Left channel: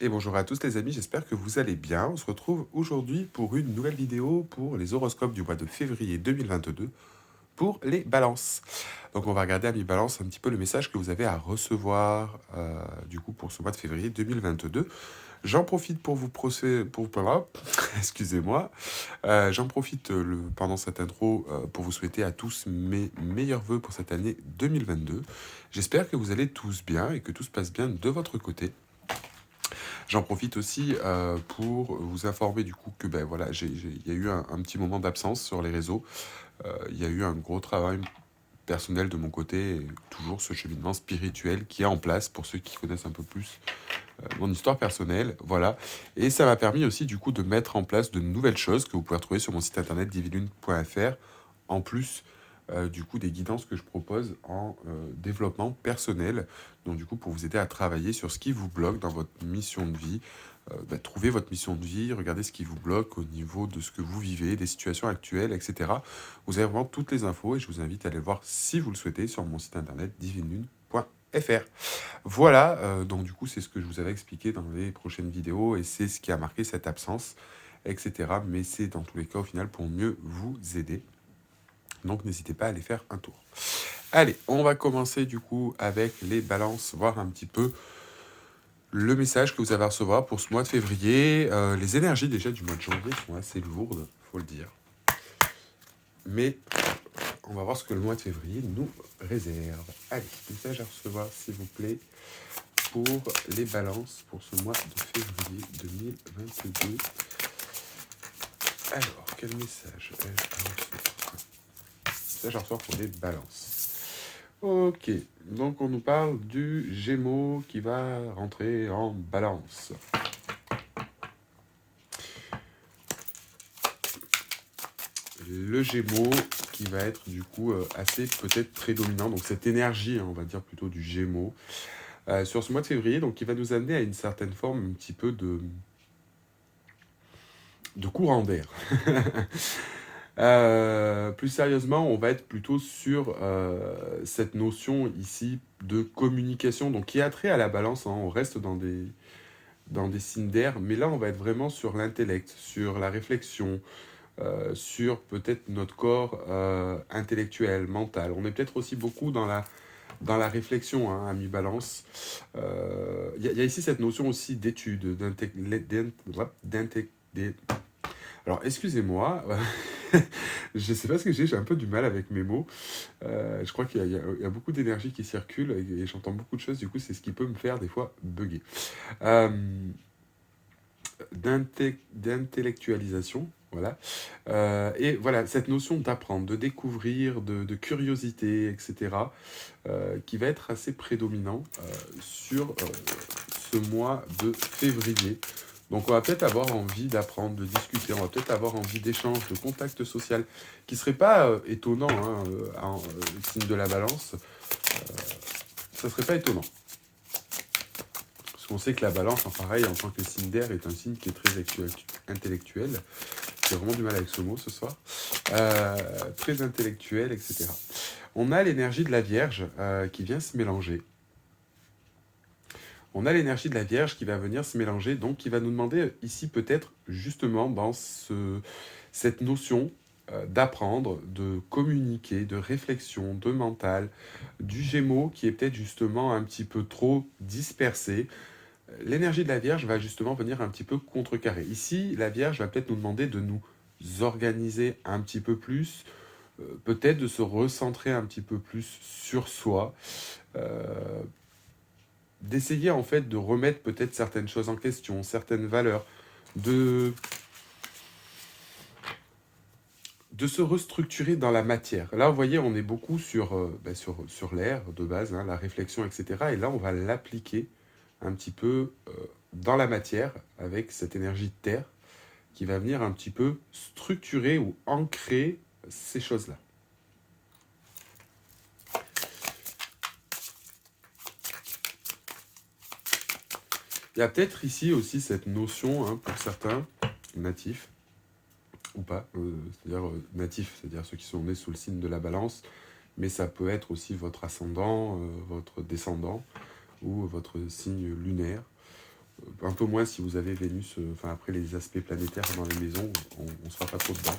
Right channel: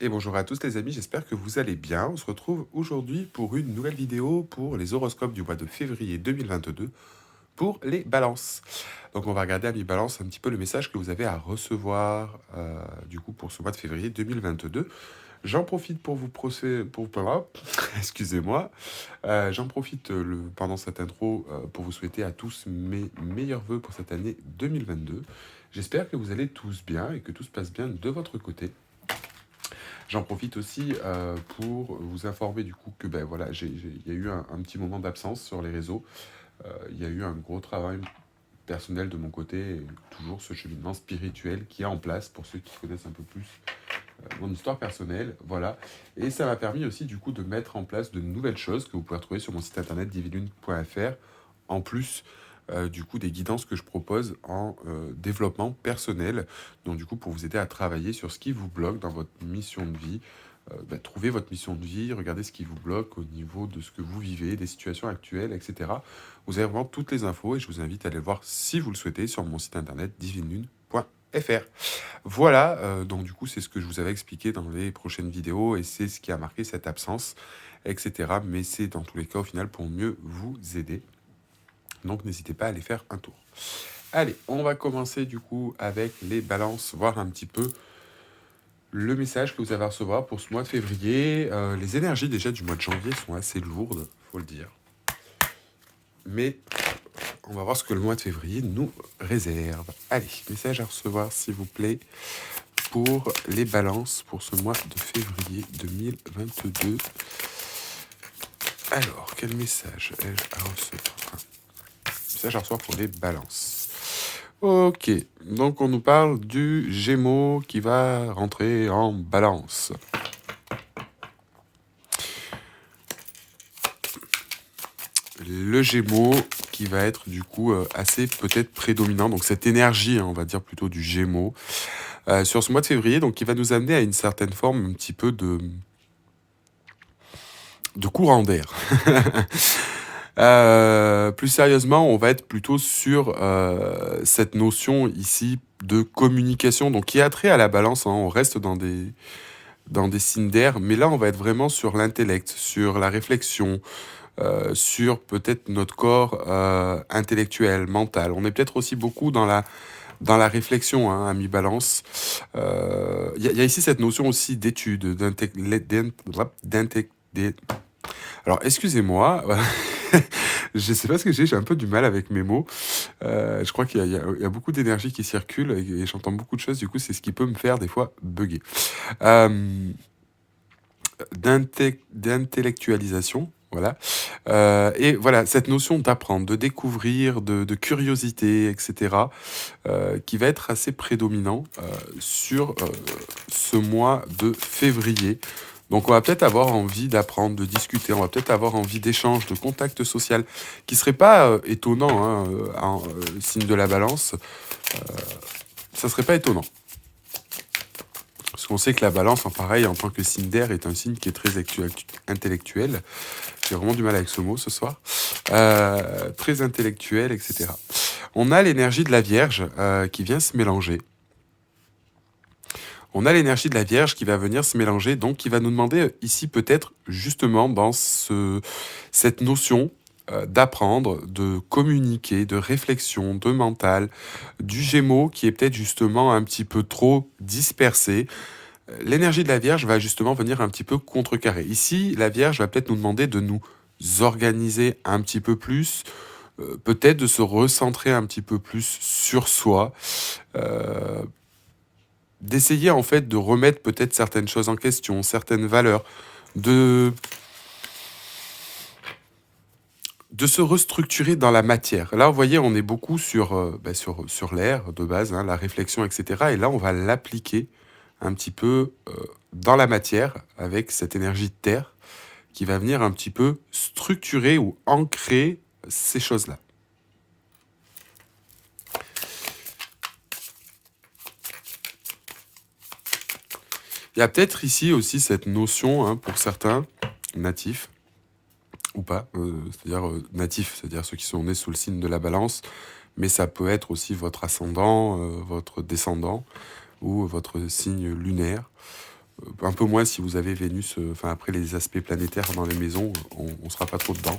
Et bonjour à tous les amis, j'espère que vous allez bien. On se retrouve aujourd'hui pour une nouvelle vidéo pour les horoscopes du mois de février 2022 pour les balances. Donc on va regarder à mi-balance un petit peu le message que vous avez à recevoir du coup pour ce mois de février 2022. J'en profite pour vous excusez-moi. J'en profite pendant cette intro pour vous souhaiter à tous mes meilleurs vœux pour cette année 2022. J'espère que vous allez tous bien et que tout se passe bien de votre côté. J'en profite aussi pour vous informer du coup que ben, voilà, il y a eu un petit moment d'absence sur les réseaux. Il y a eu un gros travail personnel de mon côté, et toujours ce cheminement spirituel qui est en place pour ceux qui connaissent un peu plus mon histoire personnelle. Voilà. Et ça m'a permis aussi du coup de mettre en place de nouvelles choses que vous pouvez retrouver sur mon site internet divilune.fr, en plus du coup des guidances que je propose en développement personnel. Donc du coup pour vous aider à travailler sur ce qui vous bloque dans votre mission de vie. Trouver votre mission de vie, regardez ce qui vous bloque au niveau de ce que vous vivez, des situations actuelles, etc. Vous avez vraiment toutes les infos et je vous invite à aller voir si vous le souhaitez sur mon site internet divinelune.fr. Voilà, donc du coup c'est ce que je vous avais expliqué dans les prochaines vidéos et c'est ce qui a marqué cette absence, etc. Mais c'est dans tous les cas au final pour mieux vous aider. Donc n'hésitez pas à aller faire un tour. Allez, on va commencer du coup avec les balances, voir un petit peu le message que vous avez à recevoir pour ce mois de février. Les énergies déjà du mois de janvier sont assez lourdes, faut le dire. Mais on va voir ce que le mois de février nous réserve. Allez, message à recevoir s'il vous plaît pour les balances pour ce mois de février 2022. Alors, quel message ai-je à recevoir? Message à recevoir pour les balances. Ok, donc on nous parle du Gémeaux qui va rentrer en balance. Le Gémeaux qui va être du coup assez peut-être prédominant, donc cette énergie, on va dire plutôt du Gémeaux, sur ce mois de février, donc qui va nous amener à une certaine forme un petit peu de courant d'air. Plus sérieusement, on va être plutôt sur cette notion ici de communication, donc qui a trait à la balance, hein. On reste dans des signes d'air, mais là on va être vraiment sur l'intellect, sur la réflexion, sur peut-être notre corps intellectuel, mental. On est peut-être aussi beaucoup dans la réflexion, hein, à mi-balance. Il y a ici cette notion aussi d'étude, alors, excusez-moi, je sais pas ce que j'ai un peu du mal avec mes mots. Je crois qu'il y a beaucoup d'énergie qui circule et j'entends beaucoup de choses, du coup, c'est ce qui peut me faire des fois bugger. Euh, D'intellectualisation, voilà. Et voilà, cette notion d'apprendre, de découvrir, de curiosité, etc., qui va être assez prédominant sur ce mois de février. Donc on va peut-être avoir envie d'apprendre, de discuter, on va peut-être avoir envie d'échange, de contact social, qui serait pas étonnant, hein, signe de la balance, ça serait pas étonnant. Parce qu'on sait que la balance, en pareil, en tant que signe d'air, est un signe qui est très intellectuel. J'ai vraiment du mal avec ce mot ce soir. Très intellectuel, etc. On a l'énergie de la Vierge qui vient se mélanger. On a l'énergie de la Vierge qui va venir se mélanger, donc qui va nous demander ici peut-être justement dans cette notion d'apprendre, de communiquer, de réflexion, de mental, du Gémeaux qui est peut-être justement un petit peu trop dispersé. L'énergie de la Vierge va justement venir un petit peu contrecarrer. Ici, la Vierge va peut-être nous demander de nous organiser un petit peu plus, peut-être de se recentrer un petit peu plus sur soi, euh, d'essayer en fait de remettre peut-être certaines choses en question, certaines valeurs, de se restructurer dans la matière. Là, vous voyez, on est beaucoup sur l'air de base, hein, la réflexion, etc. Et là, on va l'appliquer un petit peu dans la matière avec cette énergie de terre qui va venir un petit peu structurer ou ancrer ces choses-là. Il y a peut-être ici aussi cette notion, hein, pour certains natifs, ou pas, c'est-à-dire natifs, c'est-à-dire ceux qui sont nés sous le signe de la balance, mais ça peut être aussi votre ascendant, votre descendant, ou votre signe lunaire. un peu moins si vous avez Vénus, enfin après les aspects planétaires dans les maisons, on ne sera pas trop dedans.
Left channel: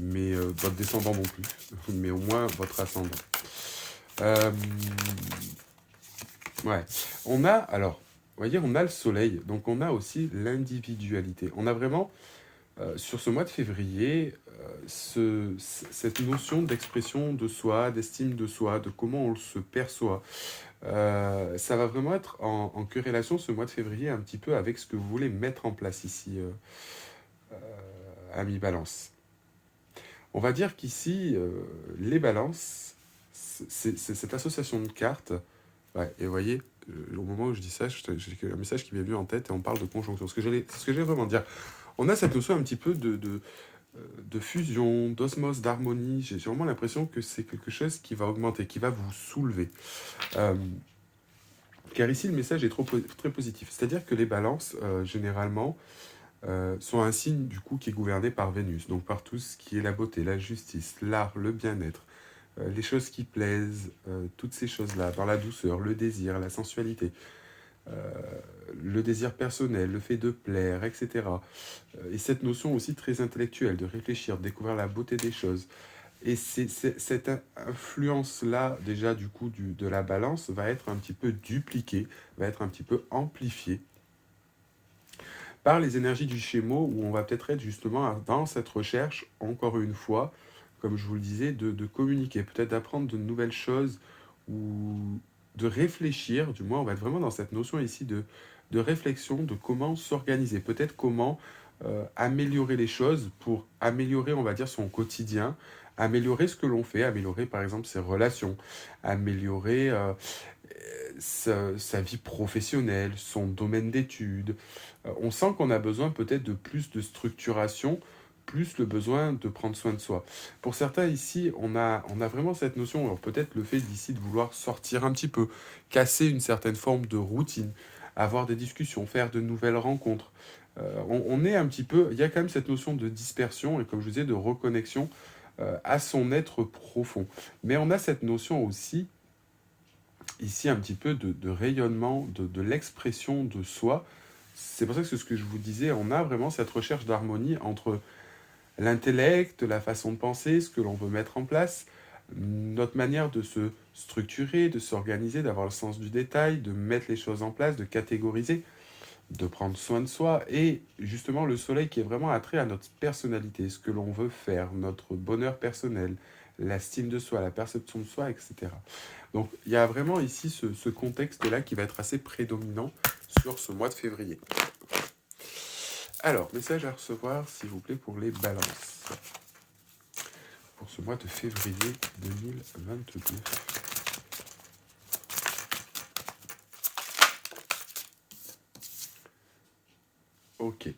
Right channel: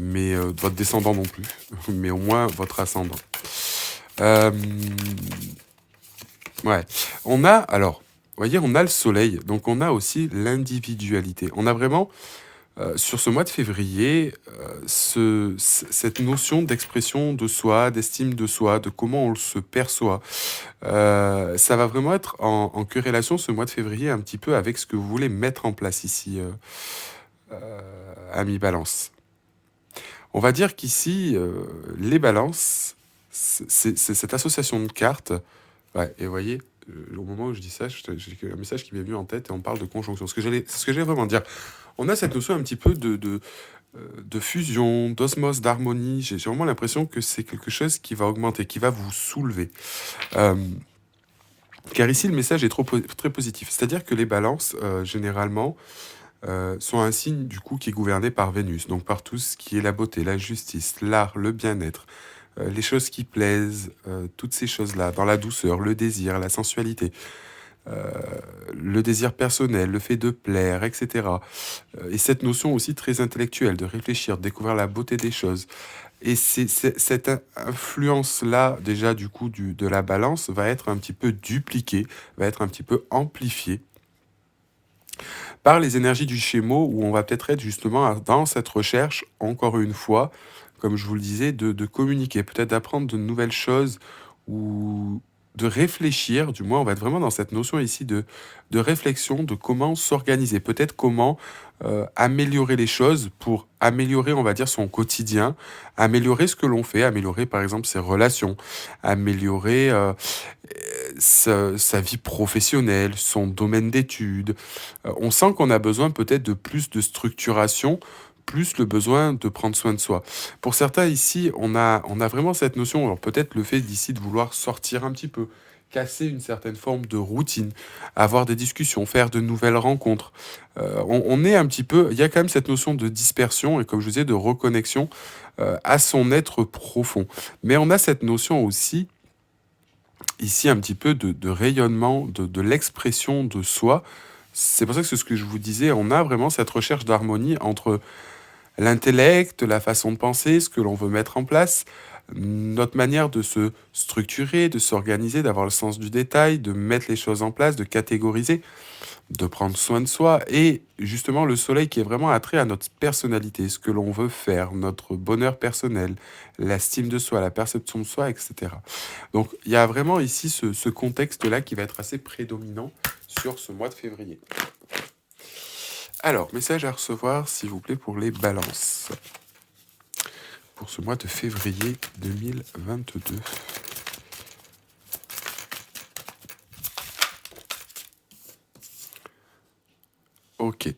Mais votre descendant non plus, mais au moins votre ascendant. Euh, ouais, on a, alors, vous voyez, on a le soleil, donc on a aussi l'individualité. On a vraiment, sur ce mois de février, cette notion d'expression de soi, d'estime de soi, de comment on se perçoit. Ça va vraiment être en corrélation ce mois de février un petit peu avec ce que vous voulez mettre en place ici, ami Balance. On va dire qu'ici, les balances, c'est cette association de cartes. Ouais, et vous voyez, au moment où je dis ça, j'ai un message qui m'est venu en tête et on parle de conjonction. C'est ce que j'allais vraiment dire. On a cette notion un petit peu de fusion, d'osmose, d'harmonie. J'ai vraiment l'impression que c'est quelque chose qui va augmenter, qui va vous soulever. Euh, car ici, le message est très positif. C'est-à-dire que les balances, généralement, sont un signe du coup qui est gouverné par Vénus, donc par tout ce qui est la beauté, la justice, l'art, le bien-être, les choses qui plaisent, toutes ces choses-là, dans la douceur, le désir, la sensualité, euh, le désir personnel, le fait de plaire, etc. Et cette notion aussi très intellectuelle, de réfléchir, de découvrir la beauté des choses. Et cette influence-là, déjà du coup de la balance, va être un petit peu dupliquée, va être un petit peu amplifiée par les énergies du Gémeaux, où on va peut-être être justement dans cette recherche, encore une fois, comme je vous le disais, de communiquer, peut-être d'apprendre de nouvelles choses, ou de réfléchir, du moins on va être vraiment dans cette notion ici de réflexion, de comment s'organiser, peut-être comment améliorer les choses pour améliorer, on va dire, son quotidien, améliorer ce que l'on fait, améliorer par exemple ses relations, améliorer sa vie professionnelle, son domaine d'études. On sent qu'on a besoin peut-être de plus de structuration, plus le besoin de prendre soin de soi. Pour certains ici, on a vraiment cette notion, alors peut-être le fait d'ici de vouloir sortir un petit peu, casser une certaine forme de routine, avoir des discussions, faire de nouvelles rencontres. On est un petit peu, il y a quand même cette notion de dispersion et comme je vous disais, de reconnexion à son être profond. Mais on a cette notion aussi ici un petit peu de rayonnement, de l'expression de soi. C'est pour ça que c'est ce que je vous disais, on a vraiment cette recherche d'harmonie entre l'intellect, la façon de penser, ce que l'on veut mettre en place, notre manière de se structurer, de s'organiser, d'avoir le sens du détail, de mettre les choses en place, de catégoriser, de prendre soin de soi, et justement le soleil qui est vraiment attrait à notre personnalité, ce que l'on veut faire, notre bonheur personnel, l'estime de soi, la perception de soi, etc. Donc il y a vraiment ici ce contexte-là qui va être assez prédominant sur ce mois de février. Alors, message à recevoir, s'il vous plaît, pour les balances. Pour ce mois de février 2022. Ok.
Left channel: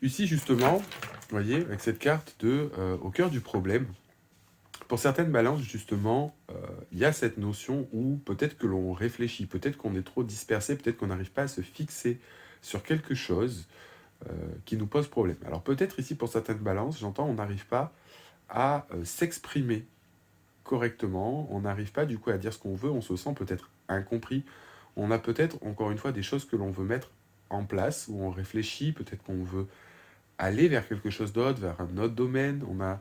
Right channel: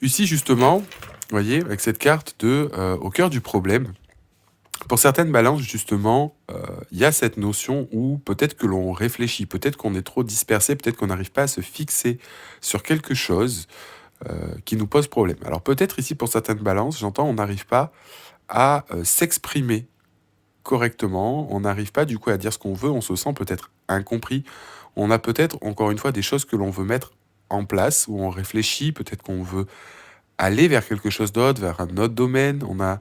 Ici, justement, vous voyez, avec cette carte de au cœur du problème, pour certaines balances, justement, il y a cette notion où peut-être que l'on réfléchit, peut-être qu'on est trop dispersé, peut-être qu'on n'arrive pas à se fixer sur quelque chose qui nous pose problème. Alors peut-être ici, pour certaines balances, j'entends, on n'arrive pas à s'exprimer correctement, on n'arrive pas du coup à dire ce qu'on veut, on se sent peut-être incompris, on a peut-être, encore une fois, des choses que l'on veut mettre en place, où on réfléchit, peut-être qu'on veut aller vers quelque chose d'autre, vers un autre domaine, on a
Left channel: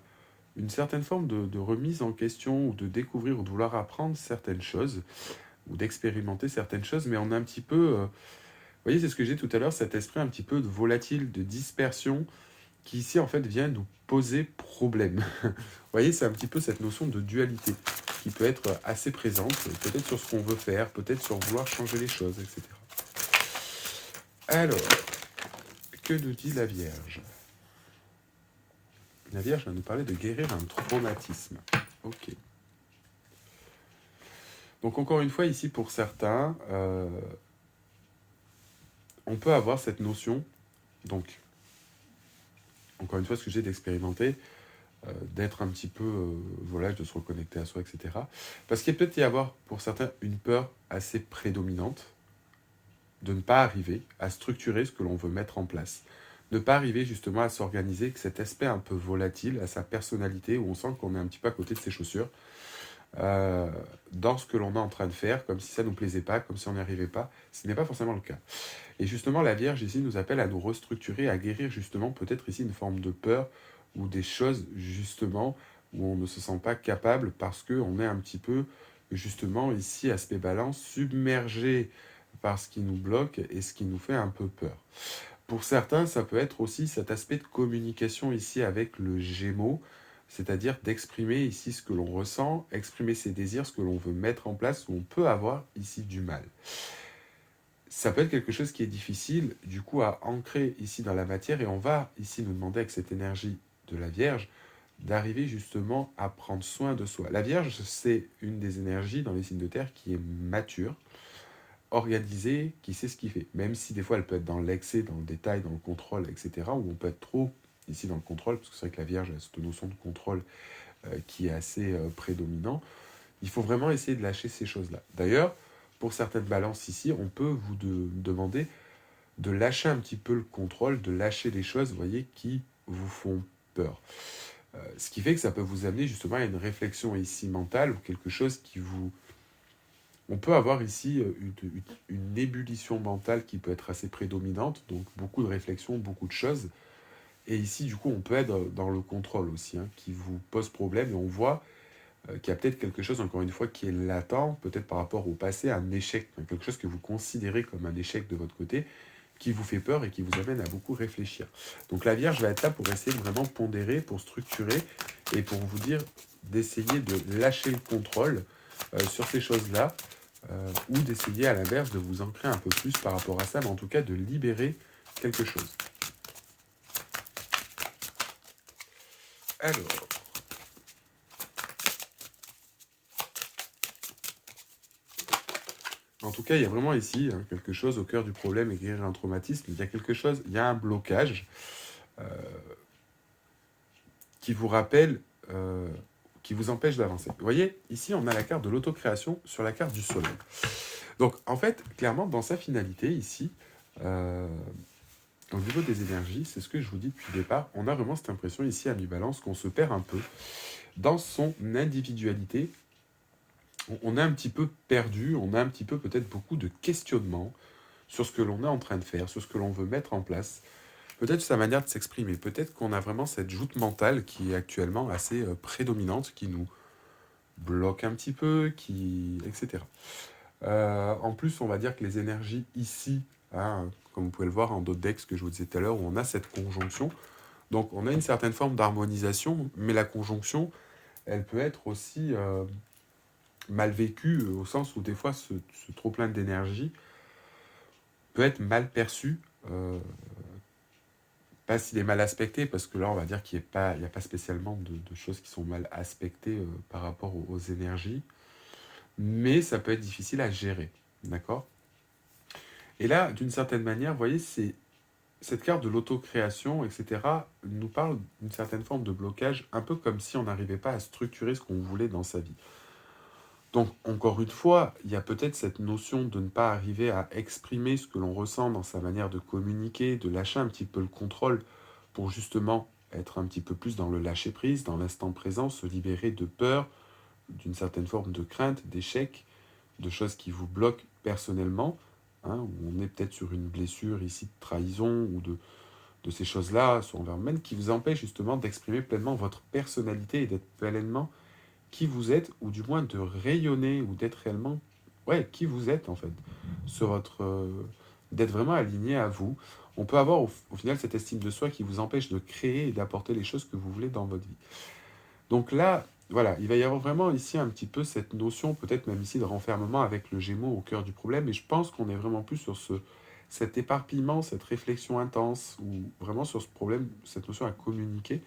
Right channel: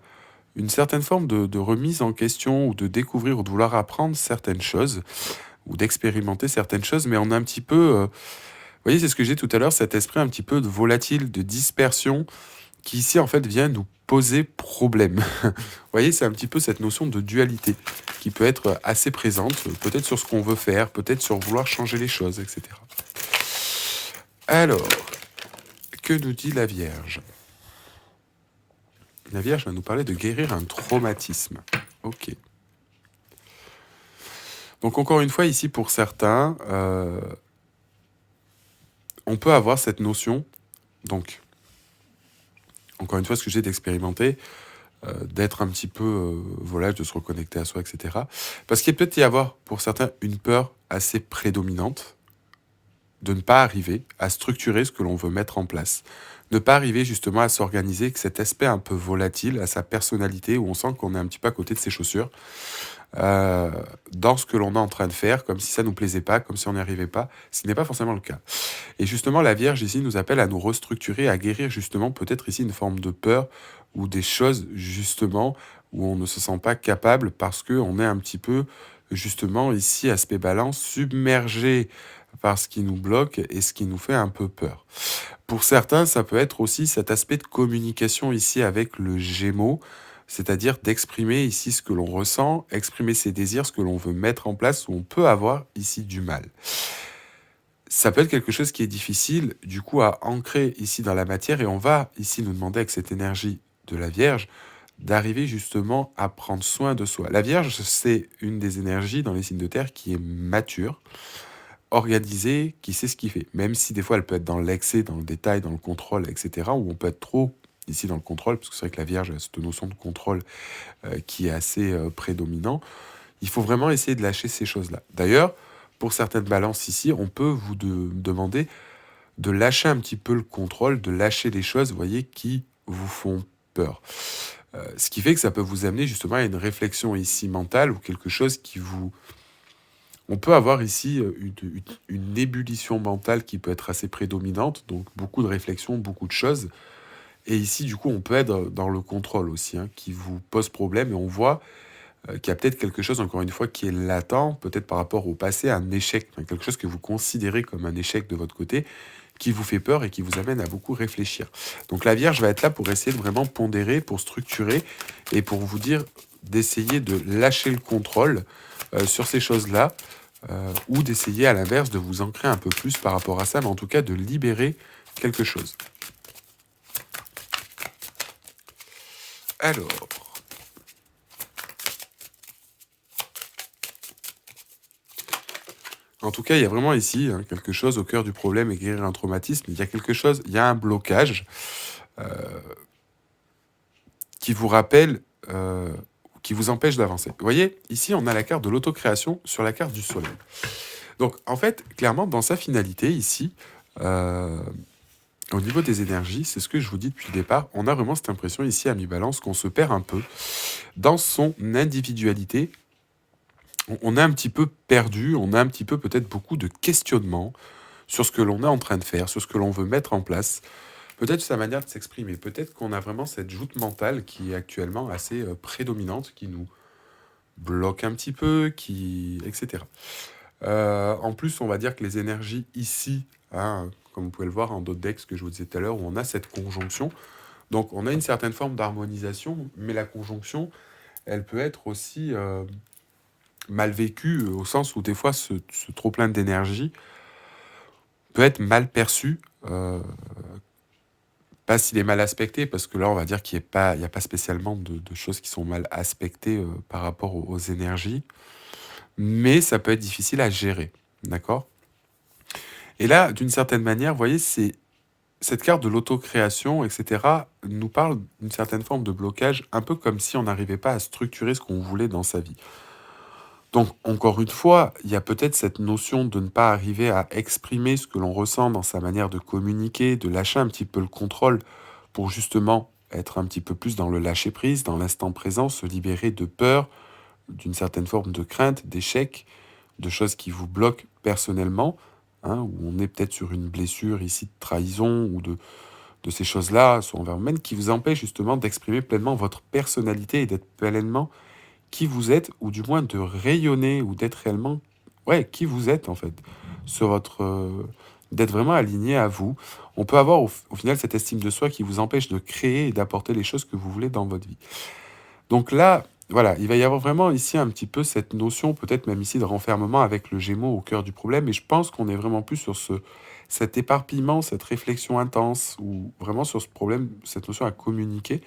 une certaine forme de remise en question ou de découvrir ou de vouloir apprendre certaines choses ou d'expérimenter certaines choses, mais on a un petit peu, vous voyez, c'est ce que j'ai tout à l'heure, cet esprit un petit peu de volatile, de dispersion, qui ici en fait vient nous poser problème. Vous voyez, c'est un petit peu cette notion de dualité qui peut être assez présente, peut-être sur ce qu'on veut faire, peut-être sur vouloir changer les choses, etc. Alors, que nous dit la Vierge ? La Vierge va nous parler de guérir un traumatisme. Ok. Donc encore une fois, ici pour certains, on peut avoir cette notion, donc encore une fois, ce que j'ai d'expérimenter, d'être un petit peu volage, de se reconnecter à soi, etc. Parce qu'il peut y avoir pour certains une peur assez prédominante de ne pas arriver à structurer ce que l'on veut mettre en place. Ne pas arriver justement à s'organiser, que cet aspect un peu volatile, à sa personnalité, où on sent qu'on est un petit peu à côté de ses chaussures, euh, dans ce que l'on est en train de faire, comme si ça nous plaisait pas, comme si on n'y arrivait pas, ce qui n'est pas forcément le cas. Et justement, la Vierge ici nous appelle à nous restructurer, à guérir justement peut-être ici une forme de peur ou des choses justement où on ne se sent pas capable parce qu'on est un petit peu justement ici, aspect balance, submergé par ce qui nous bloque et ce qui nous fait un peu peur. Pour certains, ça peut être aussi cet aspect de communication ici avec le Gémeaux, c'est-à-dire d'exprimer ici ce que l'on ressent, exprimer ses désirs, ce que l'on veut mettre en place, où on peut avoir ici du mal. Ça peut être quelque chose qui est difficile, du coup, à ancrer ici dans la matière, et on va ici nous demander avec cette énergie de la Vierge d'arriver justement à prendre soin de soi. La Vierge, c'est une des énergies dans les signes de terre qui est mature, organisée, qui sait ce qu'il fait. Même si des fois elle peut être dans l'excès, dans le détail, dans le contrôle, etc., où on peut être trop ici dans le contrôle, parce que c'est vrai que la Vierge a cette notion de contrôle qui est assez prédominant. Il faut vraiment essayer de lâcher ces choses-là. D'ailleurs, pour certaines balances ici, on peut vous demander de lâcher un petit peu le contrôle, de lâcher les choses, vous voyez, qui vous font peur. Ce qui fait que ça peut vous amener justement à une réflexion ici mentale ou quelque chose qui vous... On peut avoir ici une ébullition mentale qui peut être assez prédominante, donc beaucoup de réflexions, beaucoup de choses. Et ici, du coup, on peut être dans le contrôle aussi, hein, qui vous pose problème. Et on voit qu'il y a peut-être quelque chose, encore une fois, qui est latent, peut-être par rapport au passé, un échec, enfin, quelque chose que vous considérez comme un échec de votre côté, qui vous fait peur et qui vous amène à beaucoup réfléchir. Donc la Vierge va être là pour essayer de vraiment pondérer, pour structurer et pour vous dire d'essayer de lâcher le contrôle sur ces choses-là ou d'essayer à l'inverse de vous ancrer un peu plus par rapport à ça, mais en tout cas de libérer quelque chose. Alors, en tout cas, il y a vraiment ici quelque chose au cœur du problème et guérir un traumatisme. Il y a quelque chose, il y a un blocage qui vous rappelle, qui vous empêche d'avancer. Vous voyez, ici, on a la carte de l'autocréation sur la carte du soleil. Donc, en fait, clairement, dans sa finalité, ici, au niveau des énergies, c'est ce que je vous dis depuis le départ, on a vraiment cette impression ici à mi-balance qu'on se perd un peu dans son individualité. On est un petit peu perdu, on a un petit peu peut-être beaucoup de questionnements sur ce que l'on est en train de faire, sur ce que l'on veut mettre en place, peut-être sa manière de s'exprimer, peut-être qu'on a vraiment cette joute mentale qui est actuellement assez prédominante, qui nous bloque un petit peu, etc. En plus, on va dire que les énergies ici, hein, comme vous pouvez le voir en d'autres decks que je vous disais tout à l'heure, où on a cette conjonction, donc on a une certaine forme d'harmonisation, mais la conjonction, elle peut être aussi mal vécue, au sens où des fois ce trop-plein d'énergie peut être mal perçu, pas s'il est mal aspecté, parce que là, on va dire qu'il n'y a pas spécialement de choses qui sont mal aspectées par rapport aux énergies, mais ça peut être difficile à gérer, d'accord? Et là, d'une certaine manière, vous voyez, c'est cette carte de l'autocréation, etc., nous parle d'une certaine forme de blocage, un peu comme si on n'arrivait pas à structurer ce qu'on voulait dans sa vie. Donc, encore une fois, il y a peut-être cette notion de ne pas arriver à exprimer ce que l'on ressent dans sa manière de communiquer, de lâcher un petit peu le contrôle pour justement être un petit peu plus dans le lâcher-prise, dans l'instant présent, se libérer de peur, d'une certaine forme de crainte, d'échec, de choses qui vous bloquent personnellement, hein, où on est peut-être sur une blessure ici de trahison ou de ces choses-là, soit envers vous-même, qui vous empêchent justement d'exprimer pleinement votre personnalité et d'être pleinement qui vous êtes, ou du moins de rayonner ou d'être réellement, ouais, qui vous êtes en fait, sur votre, d'être vraiment aligné à vous. On peut avoir au final cette estime de soi qui vous empêche de créer et d'apporter les choses que vous voulez dans votre vie. Donc là, voilà, il va y avoir vraiment ici un petit peu cette notion, peut-être même ici de renfermement avec le Gémeaux au cœur du problème, et je pense qu'on est vraiment plus sur cet éparpillement, cette réflexion intense, ou vraiment sur ce problème, cette notion à communiquer.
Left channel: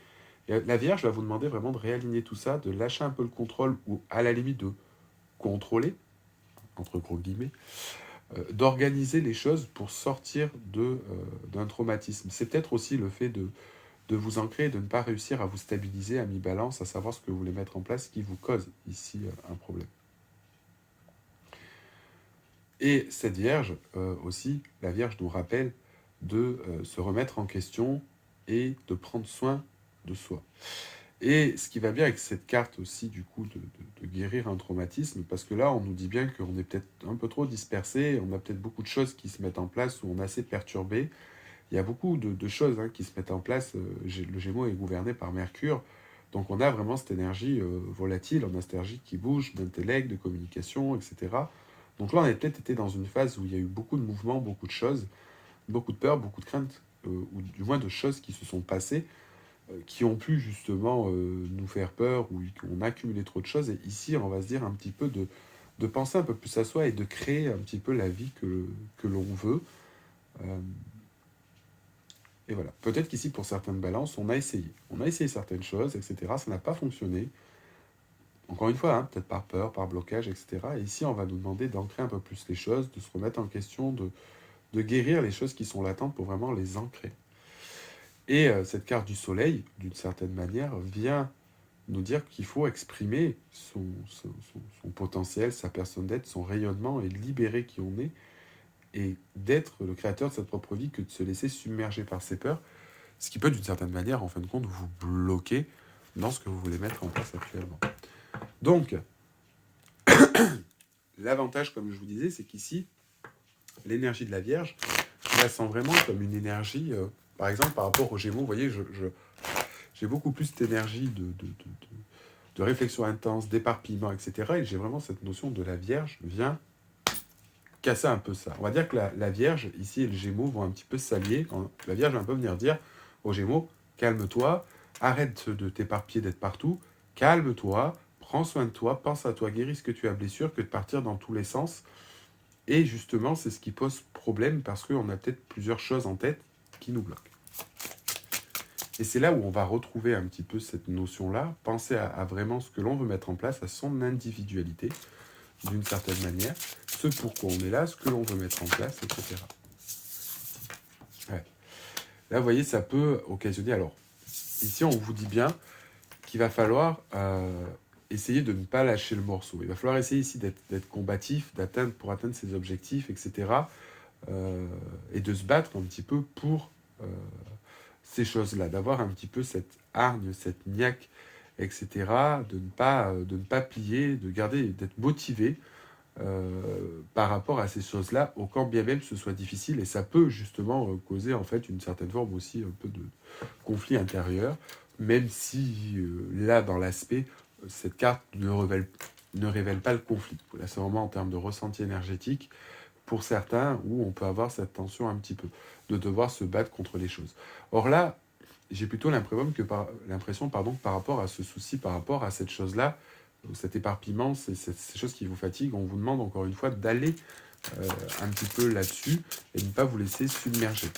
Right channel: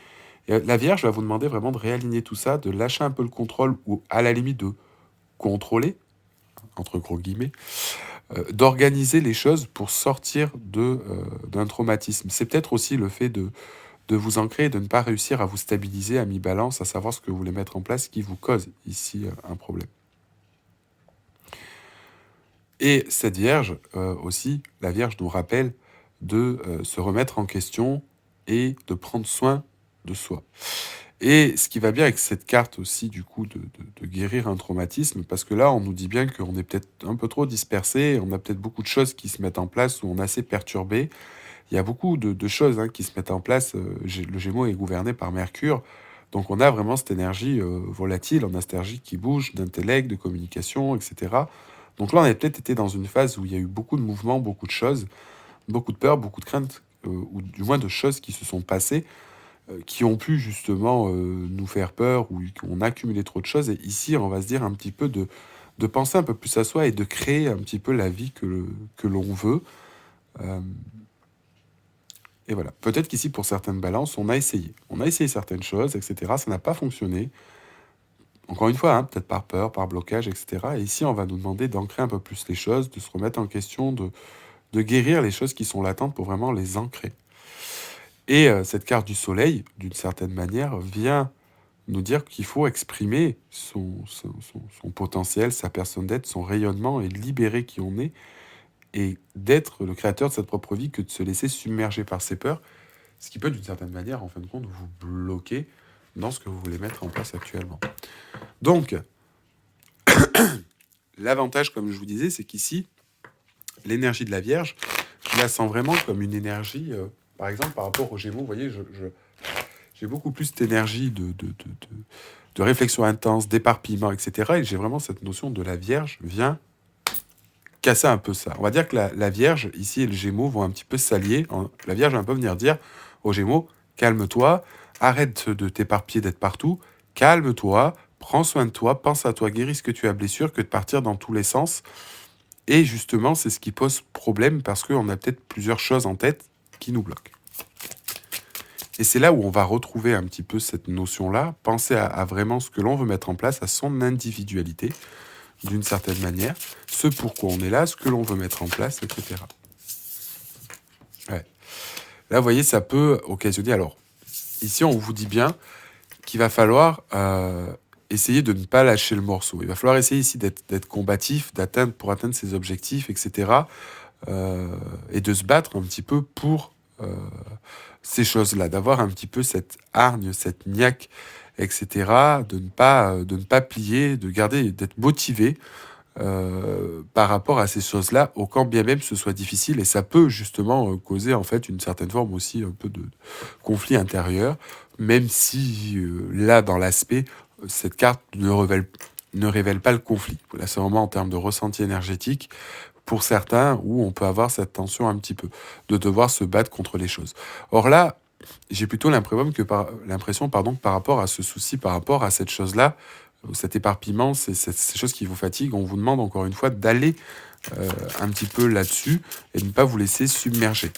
Et la Vierge va vous demander vraiment de réaligner tout ça, de lâcher un peu le contrôle, ou à la limite de contrôler, entre gros guillemets, d'organiser les choses pour sortir d'un traumatisme. C'est peut-être aussi le fait de vous ancrer et de ne pas réussir à vous stabiliser à mi-balance, à savoir ce que vous voulez mettre en place qui vous cause ici un problème. Et cette Vierge aussi, la Vierge nous rappelle de se remettre en question et de prendre soin de soi. Et ce qui va bien avec cette carte aussi, du coup, de guérir un traumatisme, parce que là, on nous dit bien qu'on est peut-être un peu trop dispersé, on a peut-être beaucoup de choses qui se mettent en place, où on est assez perturbé. Il y a beaucoup de choses qui se mettent en place. Le Gémeaux est gouverné par Mercure, donc on a vraiment cette énergie volatile, on a cette énergie qui bouge, d'intellect, de communication, etc. Donc là, on a peut-être été dans une phase où il y a eu beaucoup de mouvements, beaucoup de choses, beaucoup de peurs, beaucoup de craintes, ou du moins de choses qui se sont passées, qui ont pu justement nous faire peur, ou qu'on a accumulé trop de choses. Et ici, on va se dire un petit peu de penser un peu plus à soi et de créer un petit peu la vie que l'on veut. Euh, et voilà. Peut-être qu'ici, pour certaines balances, on a essayé. On a essayé certaines choses, etc. Ça n'a pas fonctionné. Encore une fois, peut-être par peur, par blocage, etc. Et ici, on va nous demander d'ancrer un peu plus les choses, de se remettre en question, de guérir les choses qui sont latentes pour vraiment les ancrer. Et cette carte du soleil, d'une certaine manière, vient nous dire qu'il faut exprimer son potentiel, sa personne d'être, son rayonnement, et libérer qui on est, et d'être le créateur de cette propre vie, que de se laisser submerger par ses peurs, ce qui peut d'une certaine manière, en fin de compte, vous bloquer dans ce que vous voulez mettre en place actuellement. Donc, l'avantage, comme je vous disais, c'est qu'ici, l'énergie de la Vierge, je la sens vraiment comme une énergie, par exemple, par rapport aux Gémeaux, vous voyez, j'ai beaucoup plus d'énergie de réflexion intense, d'éparpillement, etc. Et j'ai vraiment cette notion de la Vierge vient casser un peu ça. On va dire que la Vierge, ici, et le Gémeaux vont un petit peu s'allier. La Vierge va un peu venir dire aux Gémeaux, calme-toi, arrête de t'éparpiller, d'être partout, calme-toi, prends soin de toi, pense à toi, guéris ce que tu as blessure, que de partir dans tous les sens. Et justement, c'est ce qui pose problème, parce qu'on a peut-être plusieurs choses en tête qui nous bloquent. Et c'est là où on va retrouver un petit peu cette notion-là, penser à vraiment ce que l'on veut mettre en place, à son individualité, d'une certaine manière, ce pourquoi on est là, ce que l'on veut mettre en place, etc. Ouais. Là, vous voyez, ça peut occasionner... Alors, ici, on vous dit bien qu'il va falloir essayer de ne pas lâcher le morceau. Il va falloir essayer ici d'être combatif, pour atteindre ses objectifs, etc. Et de se battre un petit peu pour ces choses-là, d'avoir un petit peu cette hargne, cette niaque, etc., de ne pas plier, de garder, d'être motivé par rapport à ces choses-là, au quand bien même ce soit difficile, et ça peut justement causer en fait une certaine forme aussi un peu de conflit intérieur, même si là, dans l'aspect, cette carte ne révèle pas le conflit. Là, c'est vraiment en termes de ressenti énergétique, pour certains, où on peut avoir cette tension un petit peu, de devoir se battre contre les choses. Or là, j'ai plutôt l'impression que par rapport à ce souci, par rapport à cette chose-là, cet éparpillement, ces choses qui vous fatiguent, on vous demande encore une fois d'aller un petit peu là-dessus et de ne pas vous laisser submerger.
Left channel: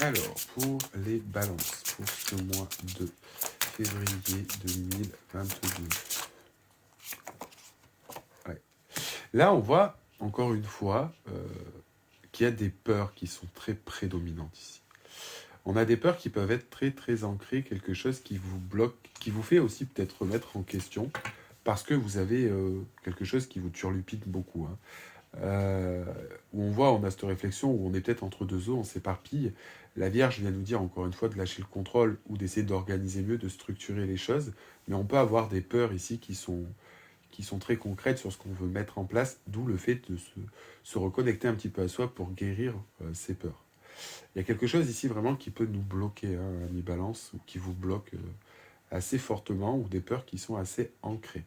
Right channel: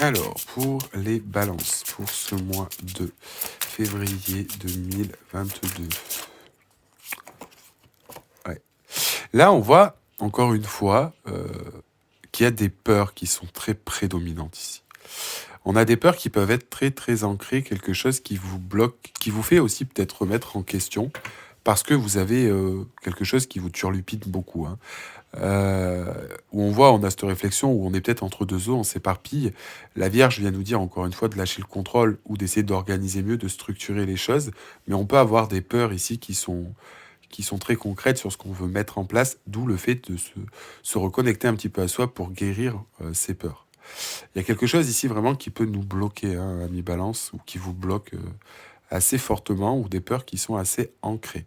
Alors, pour les balances, pour ce mois de février 2022. Ouais. Là, on voit encore une fois qu'il y a des peurs qui sont très prédominantes ici. On a des peurs qui peuvent être très très ancrées, quelque chose qui vous bloque, qui vous fait aussi peut-être remettre en question, parce que vous avez quelque chose qui vous turlupine beaucoup. Où on a cette réflexion, où on est peut-être entre deux eaux, on s'éparpille. La Vierge vient nous dire encore une fois de lâcher le contrôle, ou d'essayer d'organiser mieux, de structurer les choses, mais on peut avoir des peurs ici qui sont très concrètes sur ce qu'on veut mettre en place, d'où le fait de se reconnecter un petit peu à soi pour guérir ces peurs. Il y a quelque chose ici vraiment qui peut nous bloquer, ami Balance, ou qui vous bloque assez fortement, ou des peurs qui sont assez ancrées.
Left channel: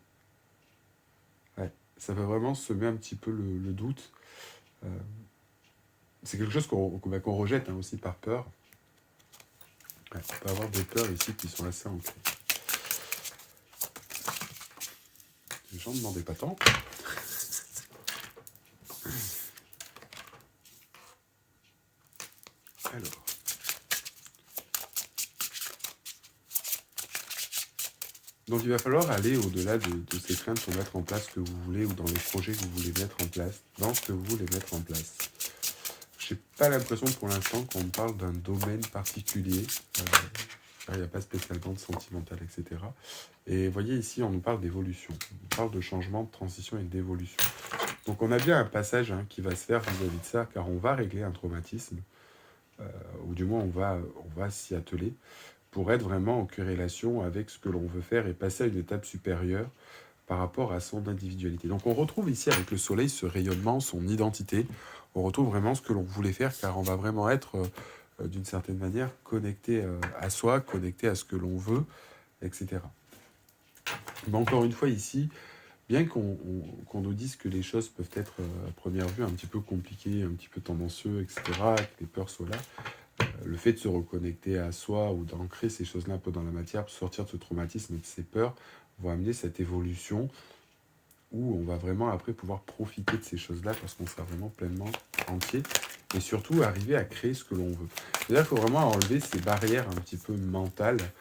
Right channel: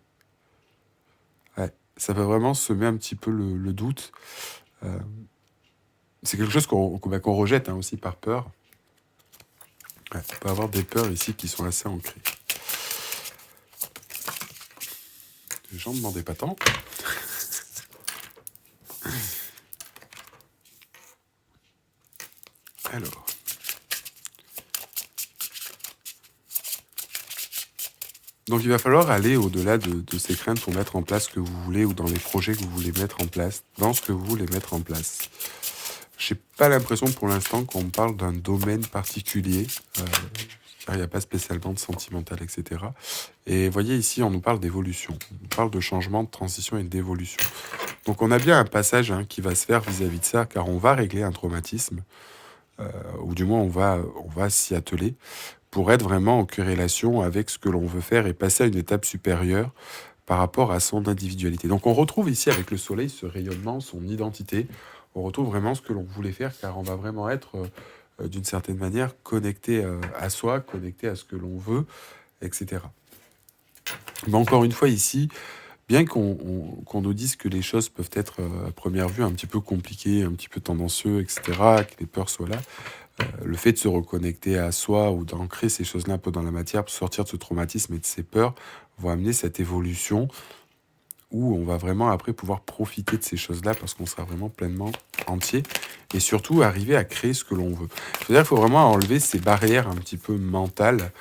Ouais, ça peut vraiment semer un petit peu le doute. C'est quelque chose qu'on rejette aussi par peur. Ouais, on peut avoir des peurs ici qui sont assez ancrées. Les gens ne demandaient pas tant. Alors. Donc il va falloir aller au-delà de ces craintes pour mettre en place ce que vous voulez, ou dans les projets que vous voulez mettre en place, dans ce que vous voulez mettre en place. J'ai pas l'impression pour l'instant qu'on me parle d'un domaine particulier, car il n'y a pas spécialement de sentimental, etc. Et vous voyez ici, on nous parle d'évolution, on parle de changement, de transition et d'évolution. Donc on a bien un passage qui va se faire vis-à-vis de ça, car on va régler un traumatisme. ou du moins on va s'y atteler pour être vraiment en corrélation avec ce que l'on veut faire et passer à une étape supérieure par rapport à son individualité. Donc on retrouve ici avec le soleil ce rayonnement, son identité. On retrouve vraiment ce que l'on voulait faire car on va vraiment être d'une certaine manière connecté à soi, connecté à ce que l'on veut, etc. Mais encore une fois ici, bien qu'on nous dise que les choses peuvent être à première vue un petit peu compliquées, un petit peu tendancieux, etc., que les peurs soient là, le fait de se reconnecter à soi ou d'ancrer ces choses-là un peu dans la matière pour sortir de ce traumatisme et de ces peurs vont amener cette évolution où on va vraiment après pouvoir profiter de ces choses-là parce qu'on sera vraiment pleinement entier et surtout arriver à créer ce que l'on veut. C'est-à-dire qu'il faut vraiment enlever ces barrières un petit peu mentales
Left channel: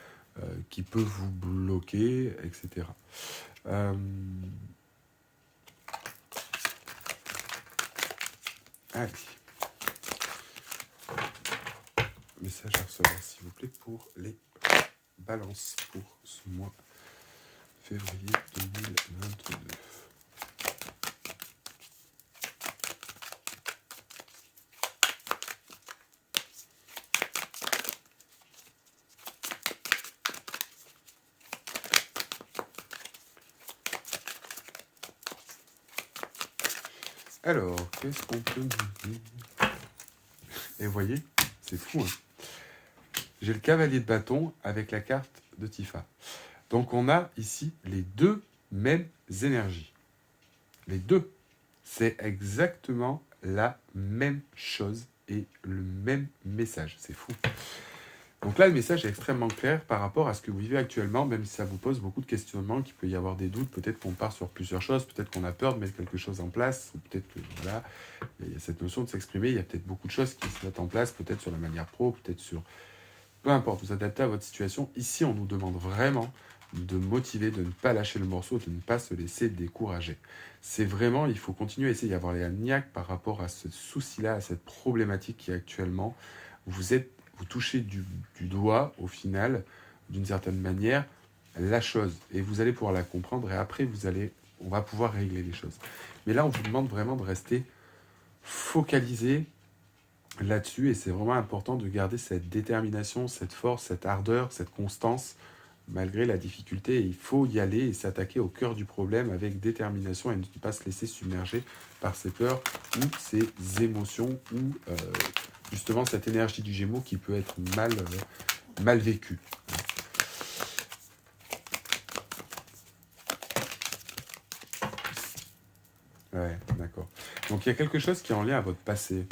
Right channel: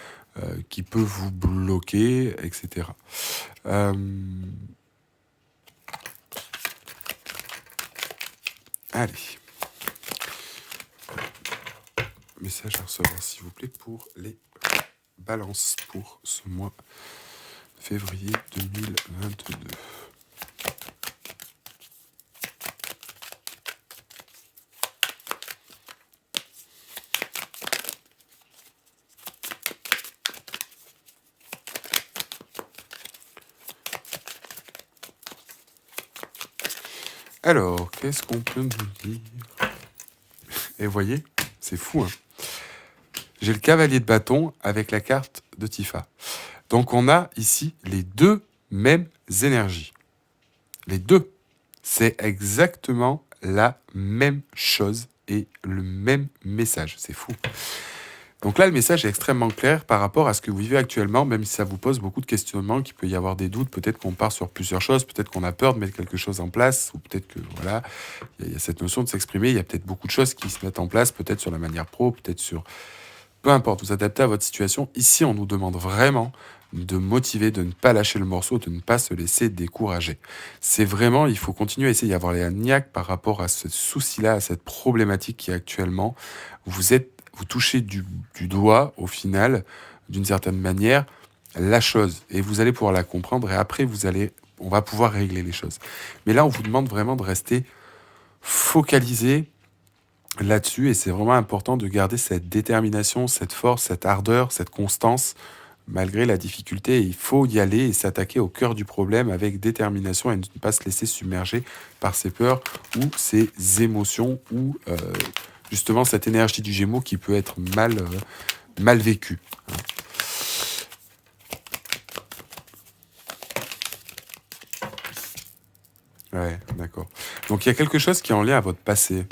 qui peuvent vous bloquer, etc. Euh, allez, message à recevoir s'il vous plaît pour les balances pour ce mois de février 2022. Alors, qu'est-ce qu'on peut nous dire? Et voyez, c'est fou, hein. J'ai le cavalier de bâton avec la carte de Tifa. Donc on a ici les deux mêmes énergies. Les deux. C'est exactement la même chose et le même message. C'est fou. Donc là, le message est extrêmement clair par rapport à ce que vous vivez actuellement, même si ça vous pose beaucoup de questionnements, qu'il peut y avoir des doutes, peut-être qu'on part sur plusieurs choses, peut-être qu'on a peur de mettre quelque chose en place, ou peut-être que, voilà, il y a cette notion de s'exprimer, il y a peut-être beaucoup de choses qui se mettent en place, peut-être sur la manière pro, peut-être sur... Peu importe, vous adaptez à votre situation. Ici, on nous demande vraiment de motiver, de ne pas lâcher le morceau, de ne pas se laisser décourager. C'est vraiment, il faut continuer à essayer d'avoir les niaques par rapport à ce souci-là, à cette problématique qui est actuellement. Vous touchez du doigt, au final, d'une certaine manière, la chose. Et vous allez pouvoir la comprendre et après, on va pouvoir régler les choses. Mais là, on vous demande vraiment de rester focalisé là-dessus et c'est vraiment important de garder cette détermination, cette force, cette ardeur, cette constance malgré la difficulté. Il faut y aller et s'attaquer au cœur du problème avec détermination et ne pas se laisser submerger par ses peurs ou ses émotions ou justement cette énergie du Gémeaux qui peut être mal vécue. Ouais, d'accord. Donc il y a quelque chose qui est en lien à votre passé,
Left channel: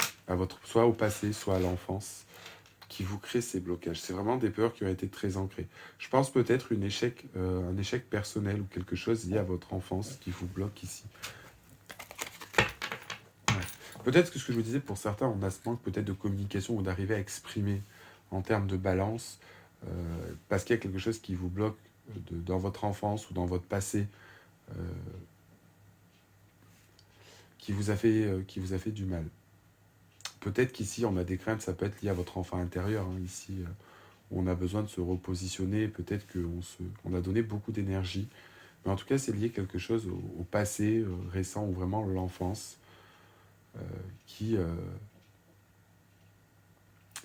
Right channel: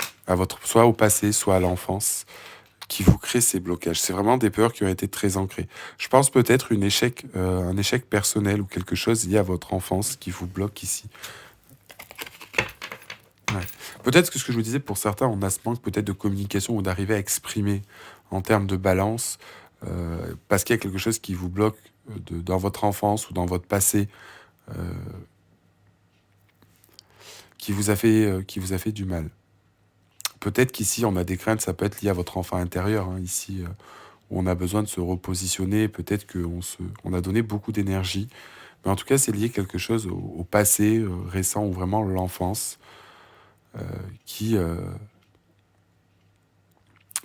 soit au passé, soit à l'enfance, qui vous crée ces blocages. C'est vraiment des peurs qui ont été très ancrées. Je pense peut-être un échec personnel ou quelque chose lié à votre enfance qui vous bloque ici. Ouais. Peut-être que ce que je vous disais, pour certains, on a ce manque peut-être de communication ou d'arriver à exprimer en termes de balance, parce qu'il y a quelque chose qui vous bloque dans votre enfance ou dans votre passé, euh, qui vous a fait du mal. Peut-être qu'ici, on a des craintes, ça peut être lié à votre enfant intérieur, hein, ici, où on a besoin de se repositionner. Peut-être on a donné beaucoup d'énergie. Mais en tout cas, c'est lié quelque chose au passé récent ou vraiment l'enfance euh, qui, euh,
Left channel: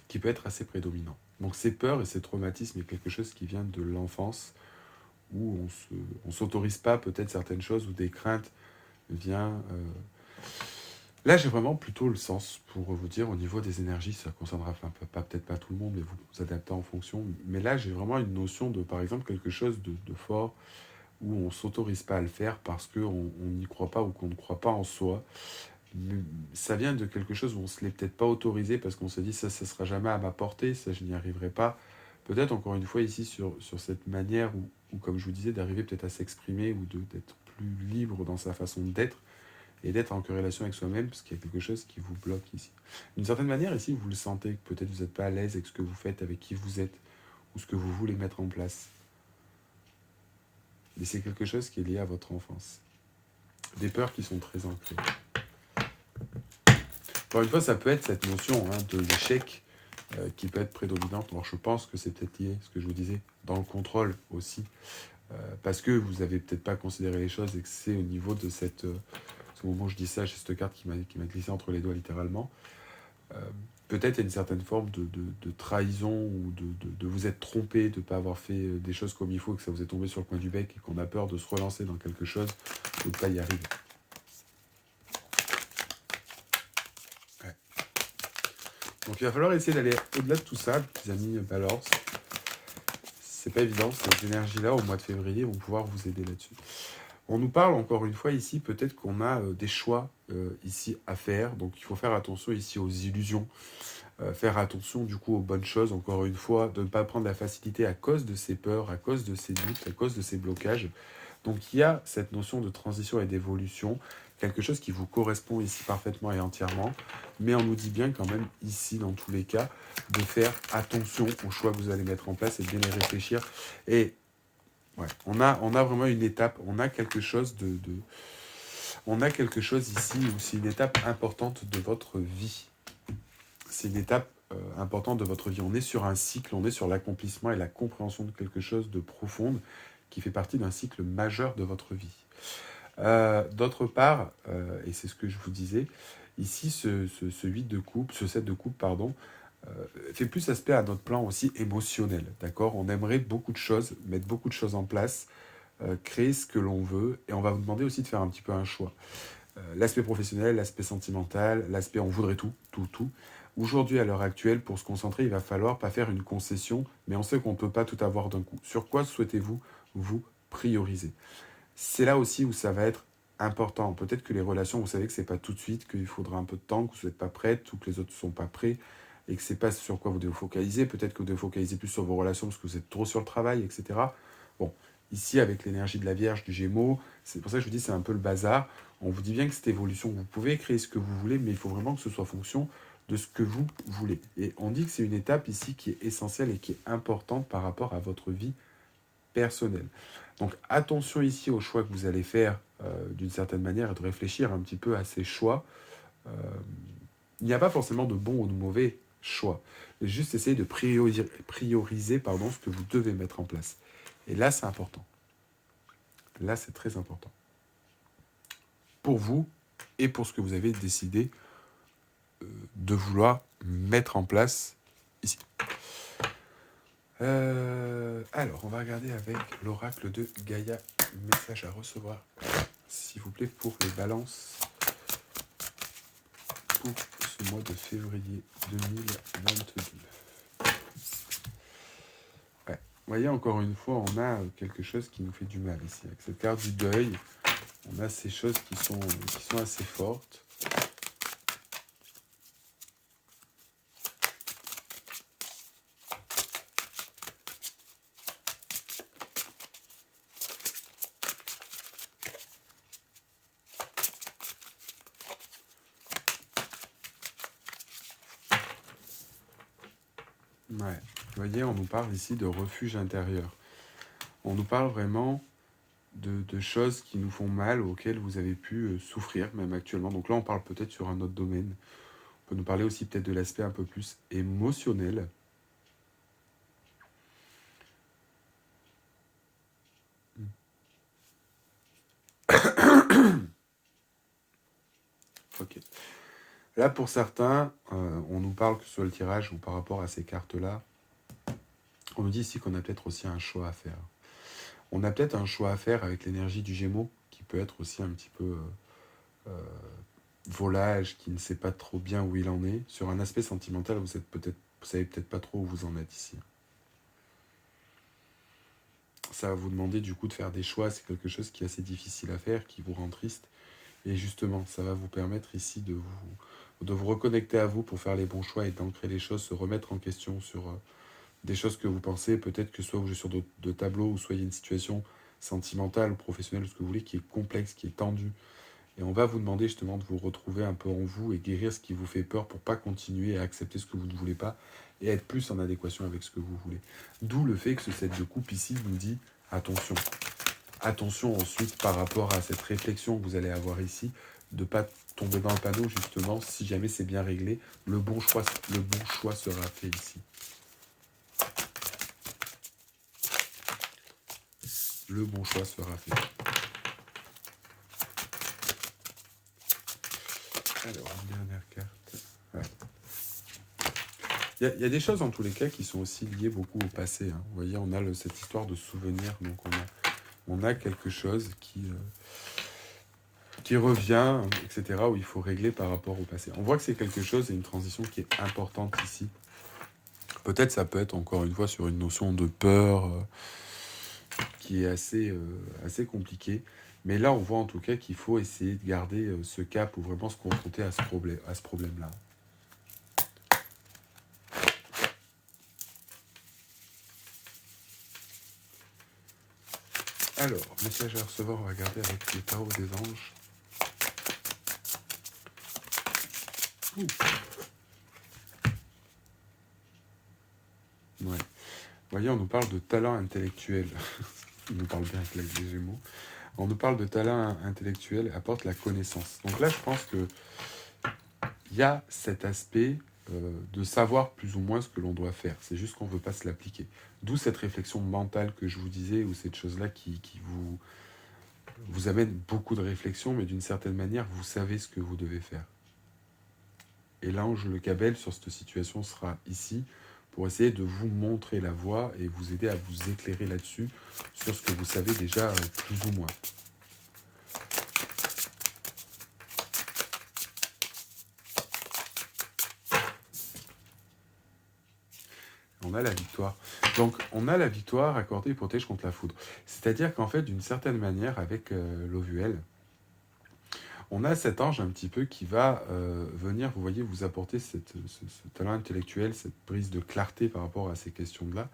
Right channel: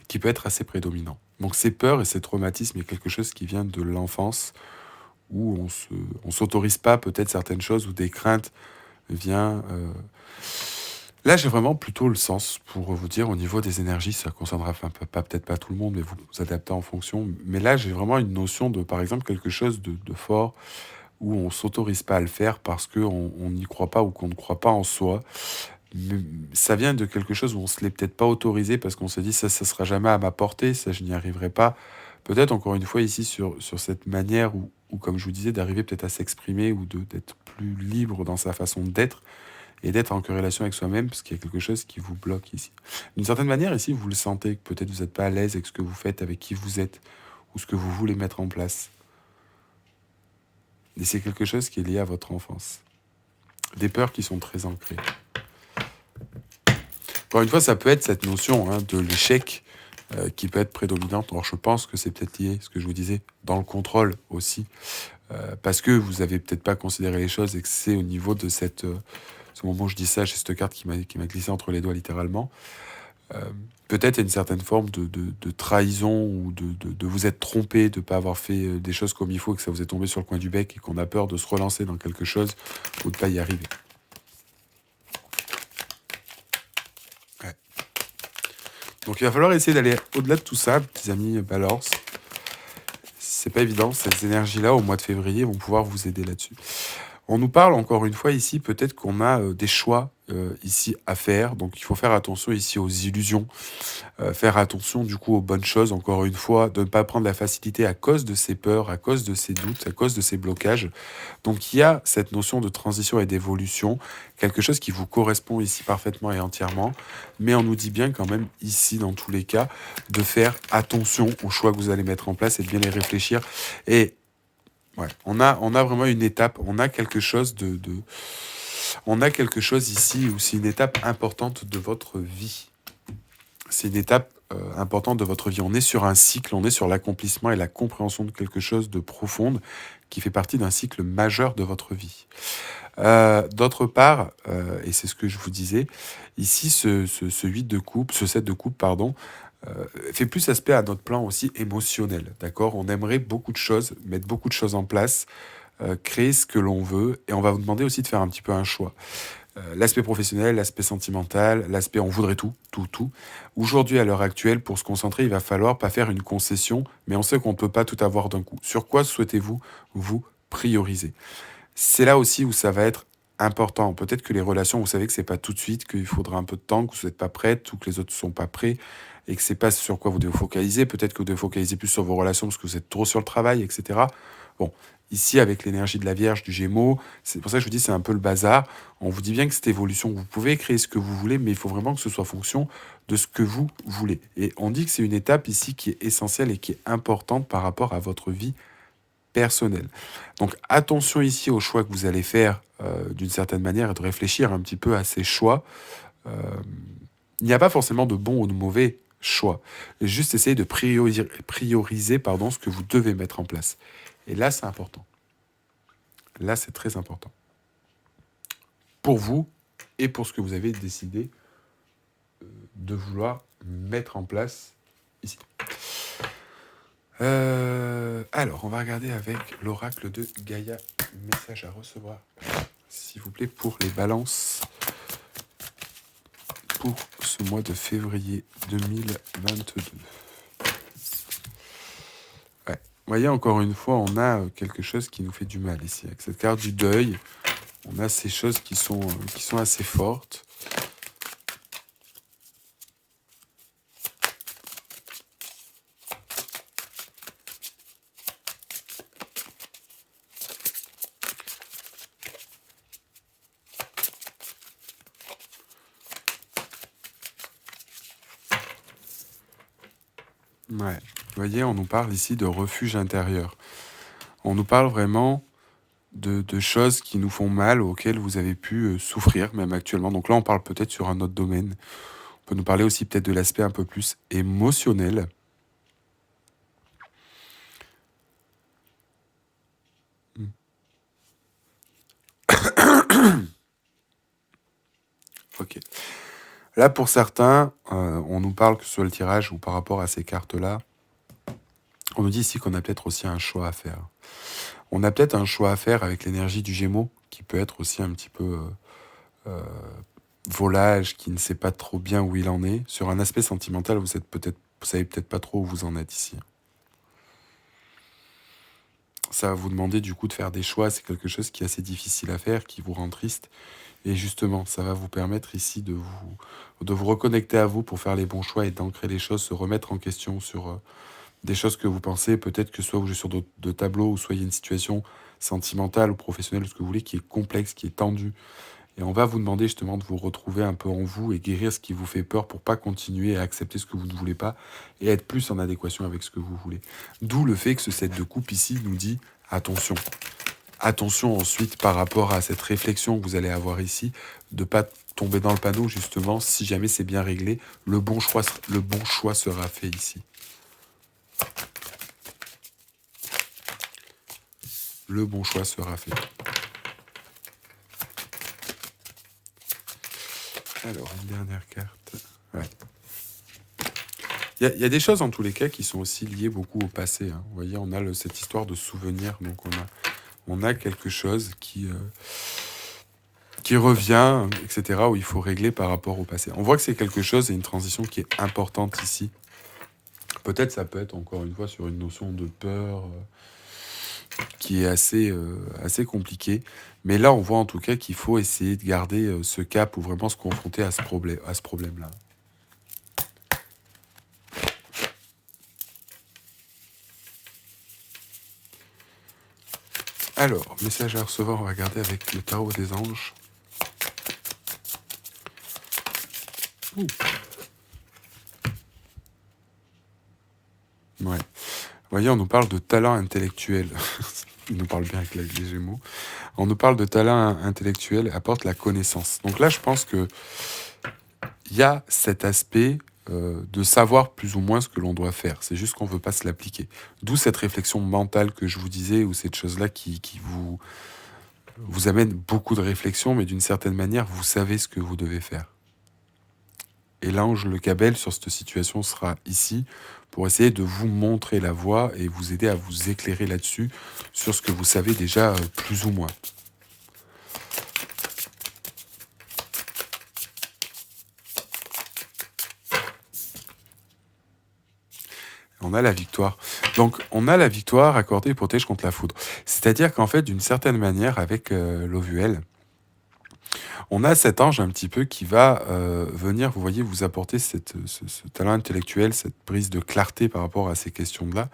qui peut être assez prédominant. Donc ces peurs et ces traumatismes, il y a quelque chose qui vient de l'enfance où on s'autorise pas peut-être certaines choses, où des craintes viennent... Là, j'ai vraiment plutôt le sens pour vous dire au niveau des énergies, ça concernera peut-être pas tout le monde, mais vous adaptez en fonction. Mais là, j'ai vraiment une notion de, par exemple, quelque chose de fort où on s'autorise pas à le faire parce qu'on n'y croit pas ou qu'on ne croit pas en soi. Mais ça vient de quelque chose où on se l'est peut-être pas autorisé parce qu'on se dit ça sera jamais à ma portée, ça je n'y arriverai pas. Peut-être encore une fois ici sur cette manière où, comme je vous disais, d'arriver peut-être à s'exprimer ou d'être plus libre dans sa façon d'être et d'être en corrélation avec soi-même parce qu'il y a quelque chose qui vous bloque ici. D'une certaine manière, ici, vous le sentez que peut-être vous n'êtes pas à l'aise avec ce que vous faites, avec qui vous êtes ou ce que vous voulez mettre en place. Et c'est quelque chose qui est lié à votre enfance. Des peurs qui sont très ancrées. Encore une fois, ça peut être cette notion de l'échec qui peut être prédominante. Alors je pense que c'est peut-être lié, ce que je vous disais, dans le contrôle aussi. Parce que vous n'avez peut-être pas considéré les choses et que c'est au niveau de ce moment où je dis ça, j'ai cette carte qui m'a glissé entre les doigts littéralement. Peut-être il y a une certaine forme de trahison ou de vous être trompé, de ne pas avoir fait des choses comme il faut, que ça vous est tombé sur le coin du bec et qu'on a peur de se relancer dans quelque chose ou de ne pas y arriver. Ouais. Donc il va falloir essayer d'aller au-delà de tout ça, petits amis Balance. C'est pas évident, ces énergies-là au mois de février vont pouvoir vous aider là-dessus. On nous parle encore une fois ici, peut-être qu'on a des choix ici à faire, donc il faut faire attention ici aux illusions. Faire attention du coup aux bonnes choses, encore une fois, de ne pas prendre la facilité à cause de ses peurs, à cause de ses doutes, à cause de ses blocages. Donc il y a cette notion de transition et d'évolution, quelque chose qui vous correspond ici parfaitement et entièrement, mais on nous dit bien quand même ici, dans tous les cas, de faire attention aux choix que vous allez mettre en place et de bien les réfléchir. Et ouais, on a vraiment une étape, on a quelque chose on a quelque chose ici où c'est une étape importante de votre vie. C'est une étape importante de votre vie. On est sur un cycle, on est sur l'accomplissement et la compréhension de quelque chose de profonde qui fait partie d'un cycle majeur de votre vie. D'autre part, et c'est ce que je vous disais, ici, ce 8 de coupe, ce 7 de coupe, pardon, fait plus aspect à notre plan aussi émotionnel, d'accord? On aimerait beaucoup de choses, mettre beaucoup de choses en place, créer ce que l'on veut, et on va vous demander aussi de faire un petit peu un choix. L'aspect professionnel, l'aspect sentimental, l'aspect on voudrait tout, tout, tout. Aujourd'hui, à l'heure actuelle, pour se concentrer, il va falloir pas faire une concession, mais on sait qu'on ne peut pas tout avoir d'un coup. Sur quoi souhaitez-vous vous prioriser? C'est là aussi où ça va être important. Peut-être que les relations, vous savez que c'est pas tout de suite, qu'il faudra un peu de temps, que vous n'êtes pas prête ou que les autres ne sont pas prêts et que c'est pas sur quoi vous devez vous focaliser. Peut-être que vous devez focaliser plus sur vos relations parce que vous êtes trop sur le travail, etc. Bon, ici, avec l'énergie de la Vierge, du Gémeaux, c'est pour ça que je vous dis c'est un peu le bazar. On vous dit bien que cette évolution, vous pouvez créer ce que vous voulez, mais il faut vraiment que ce soit fonction de ce que vous voulez. Et on dit que c'est une étape ici qui est essentielle et qui est importante par rapport à votre vie personnelle. Donc attention ici aux choix que vous allez faire d'une certaine manière et de réfléchir un petit peu à ces choix. Euh, il n'y a pas forcément de bon ou de mauvais choix. Juste essayer de prioriser pardon, ce que vous devez mettre en place. Et là, c'est important. Là, c'est très important. Pour vous et pour ce que vous avez décidé de vouloir mettre en place ici. Alors, on va regarder avec l'oracle de Gaïa. Message à recevoir, s'il vous plaît, pour les balances pour ce mois de février 2022. Ouais. Vous voyez, encore une fois, on a quelque chose qui nous fait du mal ici. Avec cette carte du deuil, on a ces choses qui sont assez fortes. Ouais. Vous voyez, on nous parle ici de refuge intérieur. On nous parle vraiment de choses qui nous font mal, auxquelles vous avez pu souffrir, même actuellement. Donc là, on parle peut-être sur un autre domaine. On peut nous parler aussi peut-être de l'aspect un peu plus émotionnel. Ok. Là, pour certains, on nous parle que ce soit le tirage ou par rapport à ces cartes-là, on nous dit ici qu'on a peut-être aussi un choix à faire. On a peut-être un choix à faire avec l'énergie du Gémeaux, qui peut être aussi un petit peu volage, qui ne sait pas trop bien où il en est. Sur un aspect sentimental, vous savez peut-être pas trop où vous en êtes ici. Ça va vous demander du coup de faire des choix. C'est quelque chose qui est assez difficile à faire, qui vous rend triste. Et justement, ça va vous permettre ici de vous reconnecter à vous pour faire les bons choix et d'ancrer les choses, se remettre en question sur des choses que vous pensez. Peut-être que soit vous jouez sur de tableaux, ou soit il y a une situation sentimentale ou professionnelle, ou ce que vous voulez, qui est complexe, qui est tendue. Et on va vous demander justement de vous retrouver un peu en vous et guérir ce qui vous fait peur pour pas continuer à accepter ce que vous ne voulez pas et être plus en adéquation avec ce que vous voulez. D'où le fait que ce set de coupe ici nous dit attention. Attention ensuite par rapport à cette réflexion que vous allez avoir ici, de ne pas tomber dans le panneau justement, si jamais c'est bien réglé, le bon choix sera fait ici. Le bon choix sera fait. Alors, une dernière carte. Ouais. Il y a des choses, en tous les cas, qui sont aussi liées beaucoup au passé, hein. Vous voyez, on a cette histoire de souvenir, donc on a quelque chose qui revient, etc., où il faut régler par rapport au passé. On voit que c'est quelque chose et une transition qui est importante ici. Peut-être ça peut être encore une fois sur une notion de peur qui est assez compliquée. Mais là, on voit en tout cas qu'il faut essayer de garder ce cap ou vraiment se confronter à ce problème-là. Alors, message à recevoir, on va regarder avec le tarot des anges. Ouh. Ouais. Vous voyez, on nous parle de talent intellectuel. Il nous parle bien avec les Gémeaux. On nous parle de talent intellectuel, apporte la connaissance. Donc là, je pense que il y a cet aspect de savoir plus ou moins ce que l'on doit faire. C'est juste qu'on ne veut pas se l'appliquer. D'où cette réflexion mentale que je vous disais, ou cette chose-là qui vous amène beaucoup de réflexion, mais d'une certaine manière, vous savez ce que vous devez faire. Et l'ange Le Cabel sur cette situation sera ici pour essayer de vous montrer la voie et vous aider à vous éclairer là-dessus, sur ce que vous savez déjà plus ou moins. On a la victoire. Donc, on a la victoire accordée et protège contre la foudre. C'est-à-dire qu'en fait, d'une certaine manière, avec l'OVL, on a cet ange un petit peu qui va venir, vous voyez, vous apporter ce talent intellectuel, cette prise de clarté par rapport à ces questions-là,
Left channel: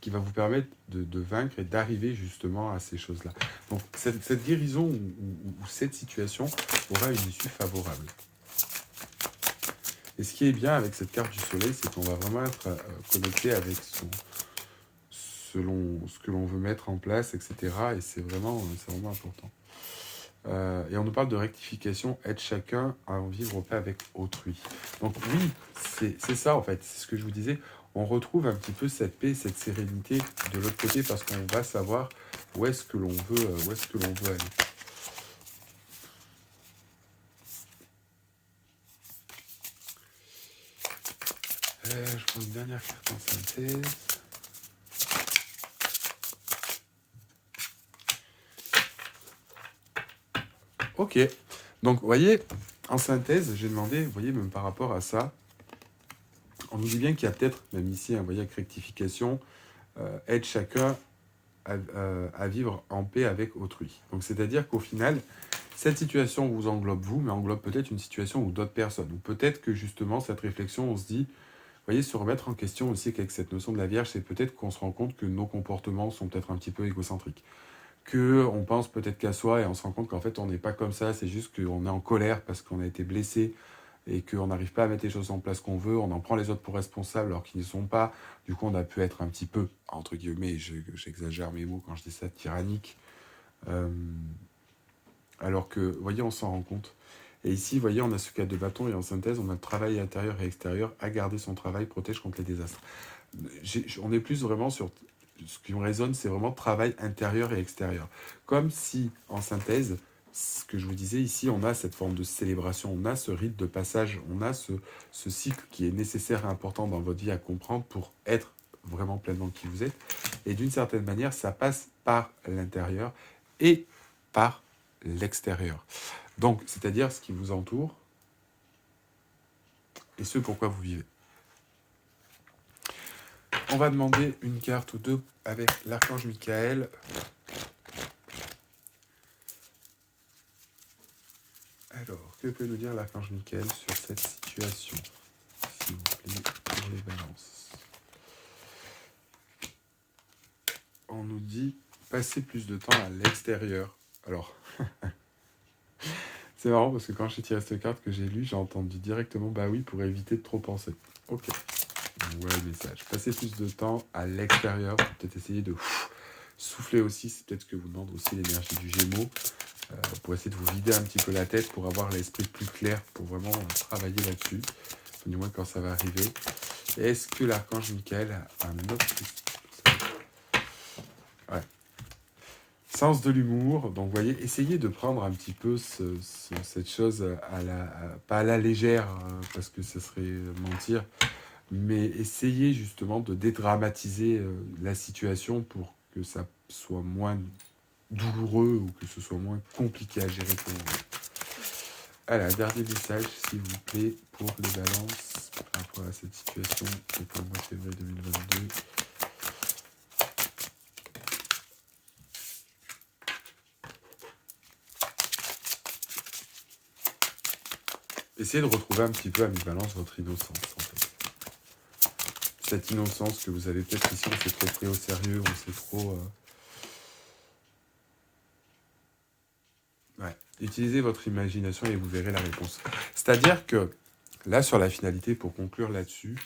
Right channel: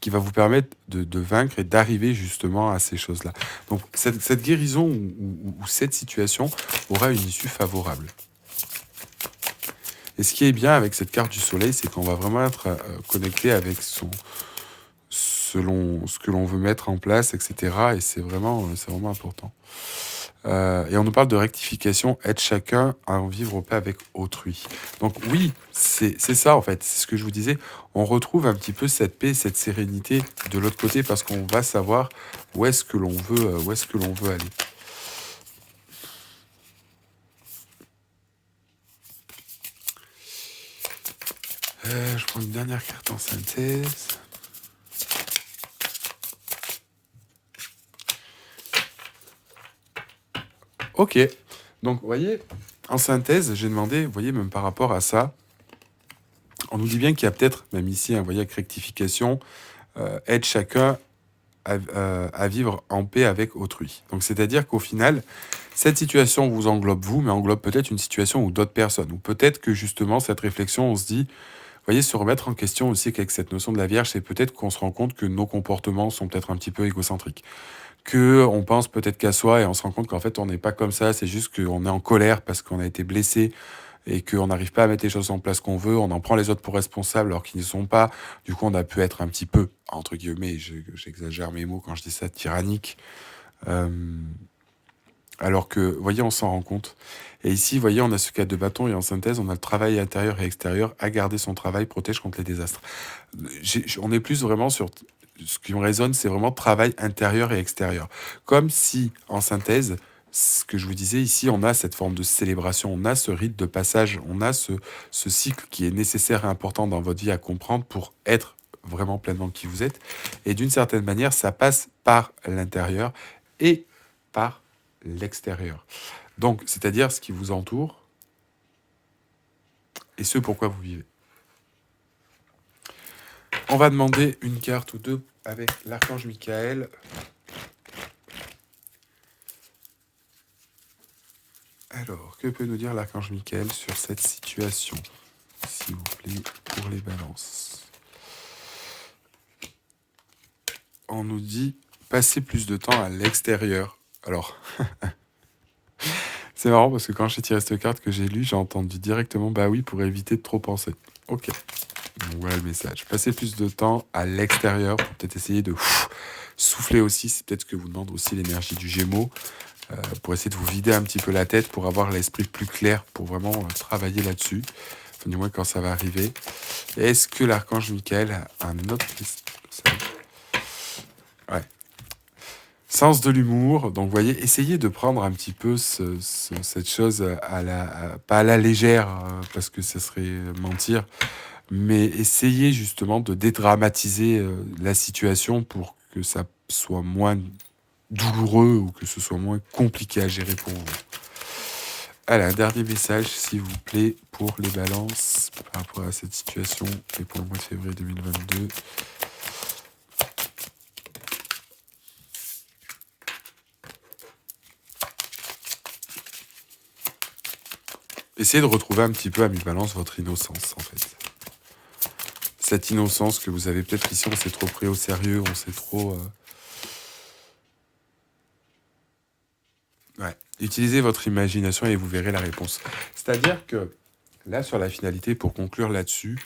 qui va vous permettre de vaincre et d'arriver justement à ces choses-là. Donc, cette guérison ou cette situation aura une issue favorable. Et ce qui est bien avec cette carte du soleil, c'est qu'on va vraiment être connecté avec selon ce que l'on veut mettre en place, etc. Et c'est vraiment important. Et on nous parle de rectification, aide chacun à en vivre au paix avec autrui. Donc oui, c'est ça en fait, c'est ce que je vous disais. On retrouve un petit peu cette paix, cette sérénité de l'autre côté parce qu'on va savoir où est-ce que l'on veut aller. Je prends une dernière carte en synthèse. Ok. Donc, vous voyez, en synthèse, j'ai demandé, vous voyez, même par rapport à ça, on nous dit bien qu'il y a peut-être, même ici, un voyage avec rectification, aide chacun à vivre en paix avec autrui. Donc, c'est-à-dire qu'au final, cette situation vous englobe vous, mais englobe peut-être une situation ou d'autres personnes. Ou peut-être que justement, cette réflexion, on se dit, vous voyez, se remettre en question aussi qu'avec cette notion de la Vierge, c'est peut-être qu'on se rend compte que nos comportements sont peut-être un petit peu égocentriques. On pense peut-être qu'à soi et on se rend compte qu'en fait, on n'est pas comme ça. C'est juste qu'on est en colère parce qu'on a été blessé et qu'on n'arrive pas à mettre les choses en place qu'on veut. On en prend les autres pour responsables alors qu'ils ne sont pas. Du coup, on a pu être un petit peu, entre guillemets, j'exagère mes mots quand je dis ça, tyrannique. Euh, alors que, vous voyez, on s'en rend compte. Et ici, vous voyez, on a ce cas de bâton et en synthèse, on a le travail intérieur et extérieur. À garder son travail protège contre les désastres. On est plus vraiment sur... Ce qui me résonne, c'est vraiment travail intérieur et extérieur. Comme si, en synthèse, ce que je vous disais ici, on a cette forme de célébration, on a ce rite de passage, on a ce cycle qui est nécessaire et important dans votre vie à comprendre pour être vraiment pleinement qui vous êtes. Et d'une certaine manière, ça passe par l'intérieur et par l'extérieur. Donc, c'est-à-dire ce qui vous entoure et ce pourquoi vous vivez. On va demander une carte ou deux avec l'archange Michael. Alors, que peut nous dire l'archange Michael sur cette situation, s'il vous plaît, pour les balances? On nous dit passer plus de temps à l'extérieur. Alors, c'est marrant parce que quand j'ai tiré cette carte que j'ai lue, j'ai entendu directement bah oui, pour éviter de trop penser. Ok. Voilà le message. Passer plus de temps à l'extérieur pour peut-être essayer de souffler aussi. C'est peut-être ce que vous demande aussi l'énergie du Gémeaux. Pour essayer de vous vider un petit peu la tête, pour avoir l'esprit plus clair, pour vraiment travailler là-dessus. Enfin, du moins quand ça va arriver. Est-ce que l'archange Michael a un autre... Ouais. Sens de l'humour. Donc, vous voyez, essayez de prendre un petit peu cette chose pas à la légère, parce que ce serait mentir, mais essayez justement de dédramatiser la situation pour que ça soit moins douloureux ou que ce soit moins compliqué à gérer pour vous. Allez, un dernier message, s'il vous plaît, pour les balances par rapport à cette situation et pour le mois de février 2022. Essayez de retrouver un petit peu à mi-balance votre innocence, en fait. Cette innocence que vous avez peut-être ici, on s'est trop pris au sérieux, on s'est trop... Ouais. Utilisez votre imagination et vous verrez la réponse. C'est-à-dire que, là, sur la finalité, pour conclure là-dessus,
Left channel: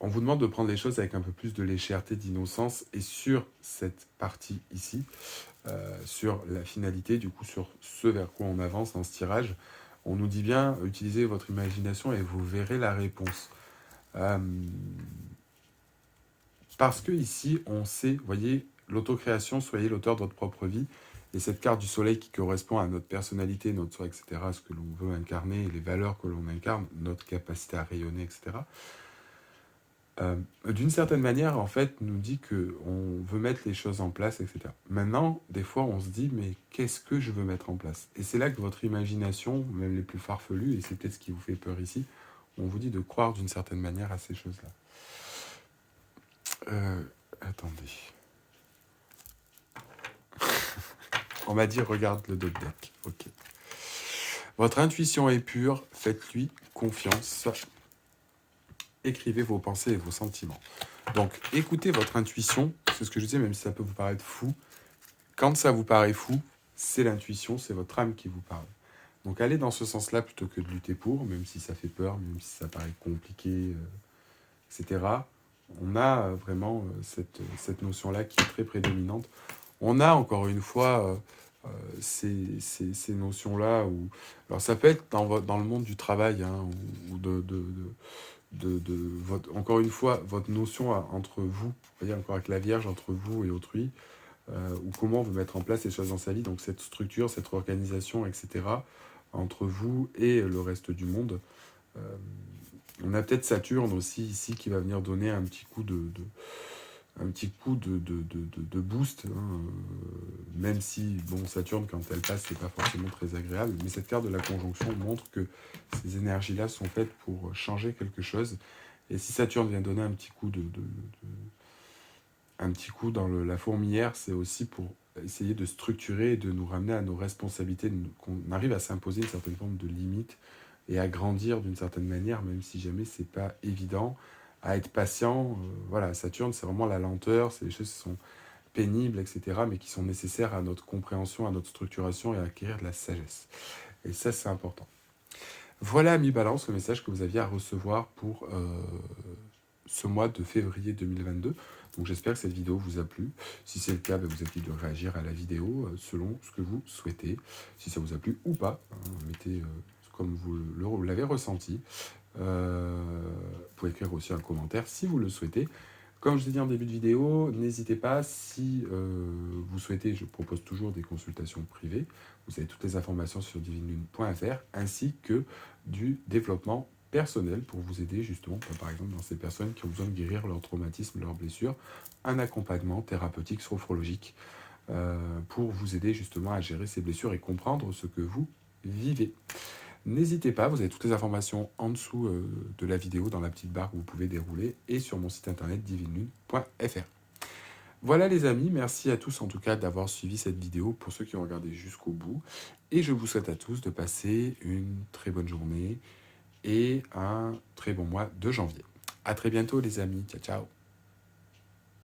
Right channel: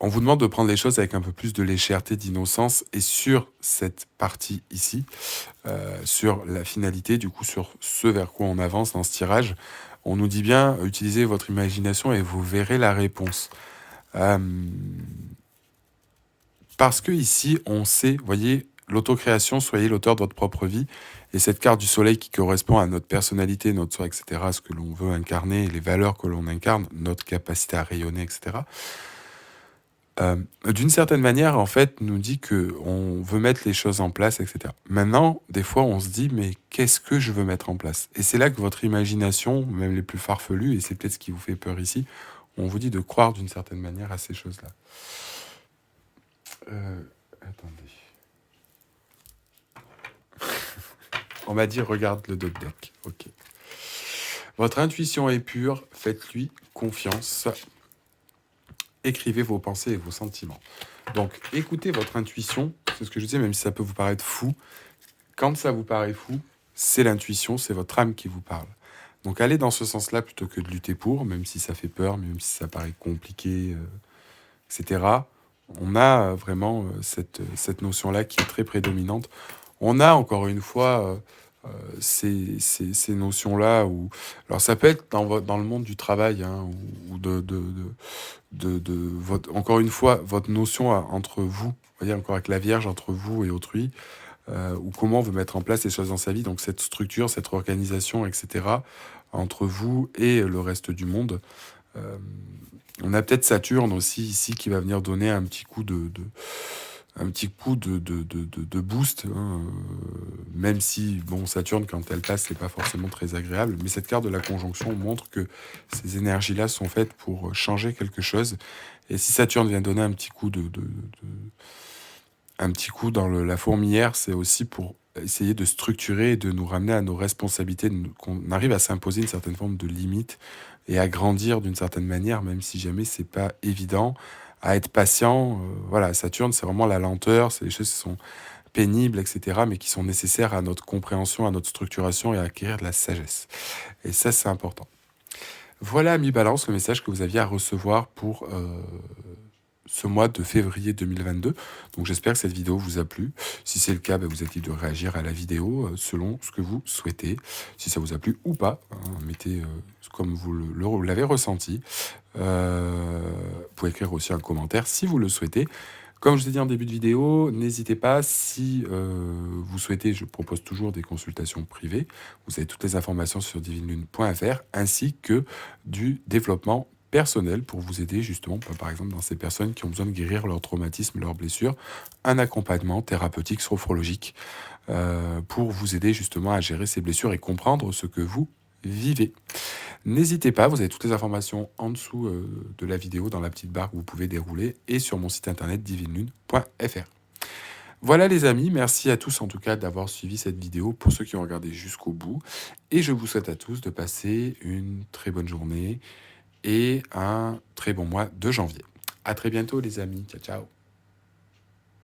on vous demande de prendre les choses avec un peu plus de légèreté, d'innocence, et sur cette partie ici, sur la finalité, du coup, sur ce vers quoi on avance dans ce tirage, on nous dit bien, utilisez votre imagination et vous verrez la réponse. Parce que ici, on sait, voyez, l'autocréation, soyez l'auteur de votre propre vie, et cette carte du soleil qui correspond à notre personnalité, notre soi, etc., ce que l'on veut incarner, les valeurs que l'on incarne, notre capacité à rayonner, etc., d'une certaine manière, en fait, nous dit qu'on veut mettre les choses en place, etc. Maintenant, des fois, on se dit, mais qu'est-ce que je veux mettre en place? Et c'est là que votre imagination, même les plus farfelues, et c'est peut-être ce qui vous fait peur ici, on vous dit de croire d'une certaine manière à ces choses-là. Attendez. On m'a dit, regarde le doc deck. Ok. Votre intuition est pure, faites-lui confiance. Écrivez vos pensées et vos sentiments. Donc, écoutez votre intuition, c'est ce que je disais, même si ça peut vous paraître fou. Quand ça vous paraît fou, c'est l'intuition, c'est votre âme qui vous parle. Donc, allez dans ce sens-là plutôt que de lutter pour, même si ça fait peur, même si ça paraît compliqué, etc. On a vraiment cette notion-là qui est très prédominante. On a encore une fois ces notions-là où... Alors ça peut être dans le monde du travail, hein, ou encore une fois, votre notion entre vous, voyez, encore avec la Vierge, entre vous et autrui, ou comment vous mettre en place les choses dans sa vie, donc cette structure, cette organisation, etc., entre vous et le reste du monde. On a peut-être Saturne aussi ici qui va venir donner un petit coup de boost, hein, même si, bon, Saturne, quand elle passe, c'est pas forcément très agréable, mais cette carte de la conjonction montre que ces énergies-là sont faites pour changer quelque chose, et si Saturne vient donner un petit coup un petit coup dans la fourmilière, c'est aussi pour essayer de structurer et de nous ramener à nos responsabilités, qu'on arrive à s'imposer une certaine forme de limite et à grandir d'une certaine manière, même si jamais c'est pas évident, à être patient. Voilà, Saturne, c'est vraiment la lenteur, c'est les choses qui sont pénibles, etc., mais qui sont nécessaires à notre compréhension, à notre structuration et à acquérir de la sagesse. Et ça, c'est important. Voilà, mi-balance, le message que vous aviez à recevoir pour ce mois de février 2022. Donc j'espère que cette vidéo vous a plu. Si c'est le cas, vous êtes libre de réagir à la vidéo selon ce que vous souhaitez. Si ça vous a plu ou pas, hein, mettez comme vous l'avez ressenti. Vous pouvez écrire aussi un commentaire si vous le souhaitez. Comme je vous ai dit en début de vidéo, n'hésitez pas, si vous souhaitez, je propose toujours des consultations privées. Vous avez toutes les informations sur divinelune.fr, ainsi que du développement personnel pour vous aider justement, par exemple, dans ces personnes qui ont besoin de guérir leurs traumatismes, leurs blessures, un accompagnement thérapeutique, sophrologique, pour vous aider justement à gérer ces blessures et comprendre ce que vous vivez. N'hésitez pas, vous avez toutes les informations en dessous de la vidéo, dans la petite barre que vous pouvez dérouler, et sur mon site internet divinelune.fr. Voilà les amis, merci à tous en tout cas d'avoir suivi cette vidéo, pour ceux qui ont regardé jusqu'au bout, et je vous souhaite à tous de passer une très bonne journée et un très bon mois de janvier. À très bientôt les amis, ciao ciao.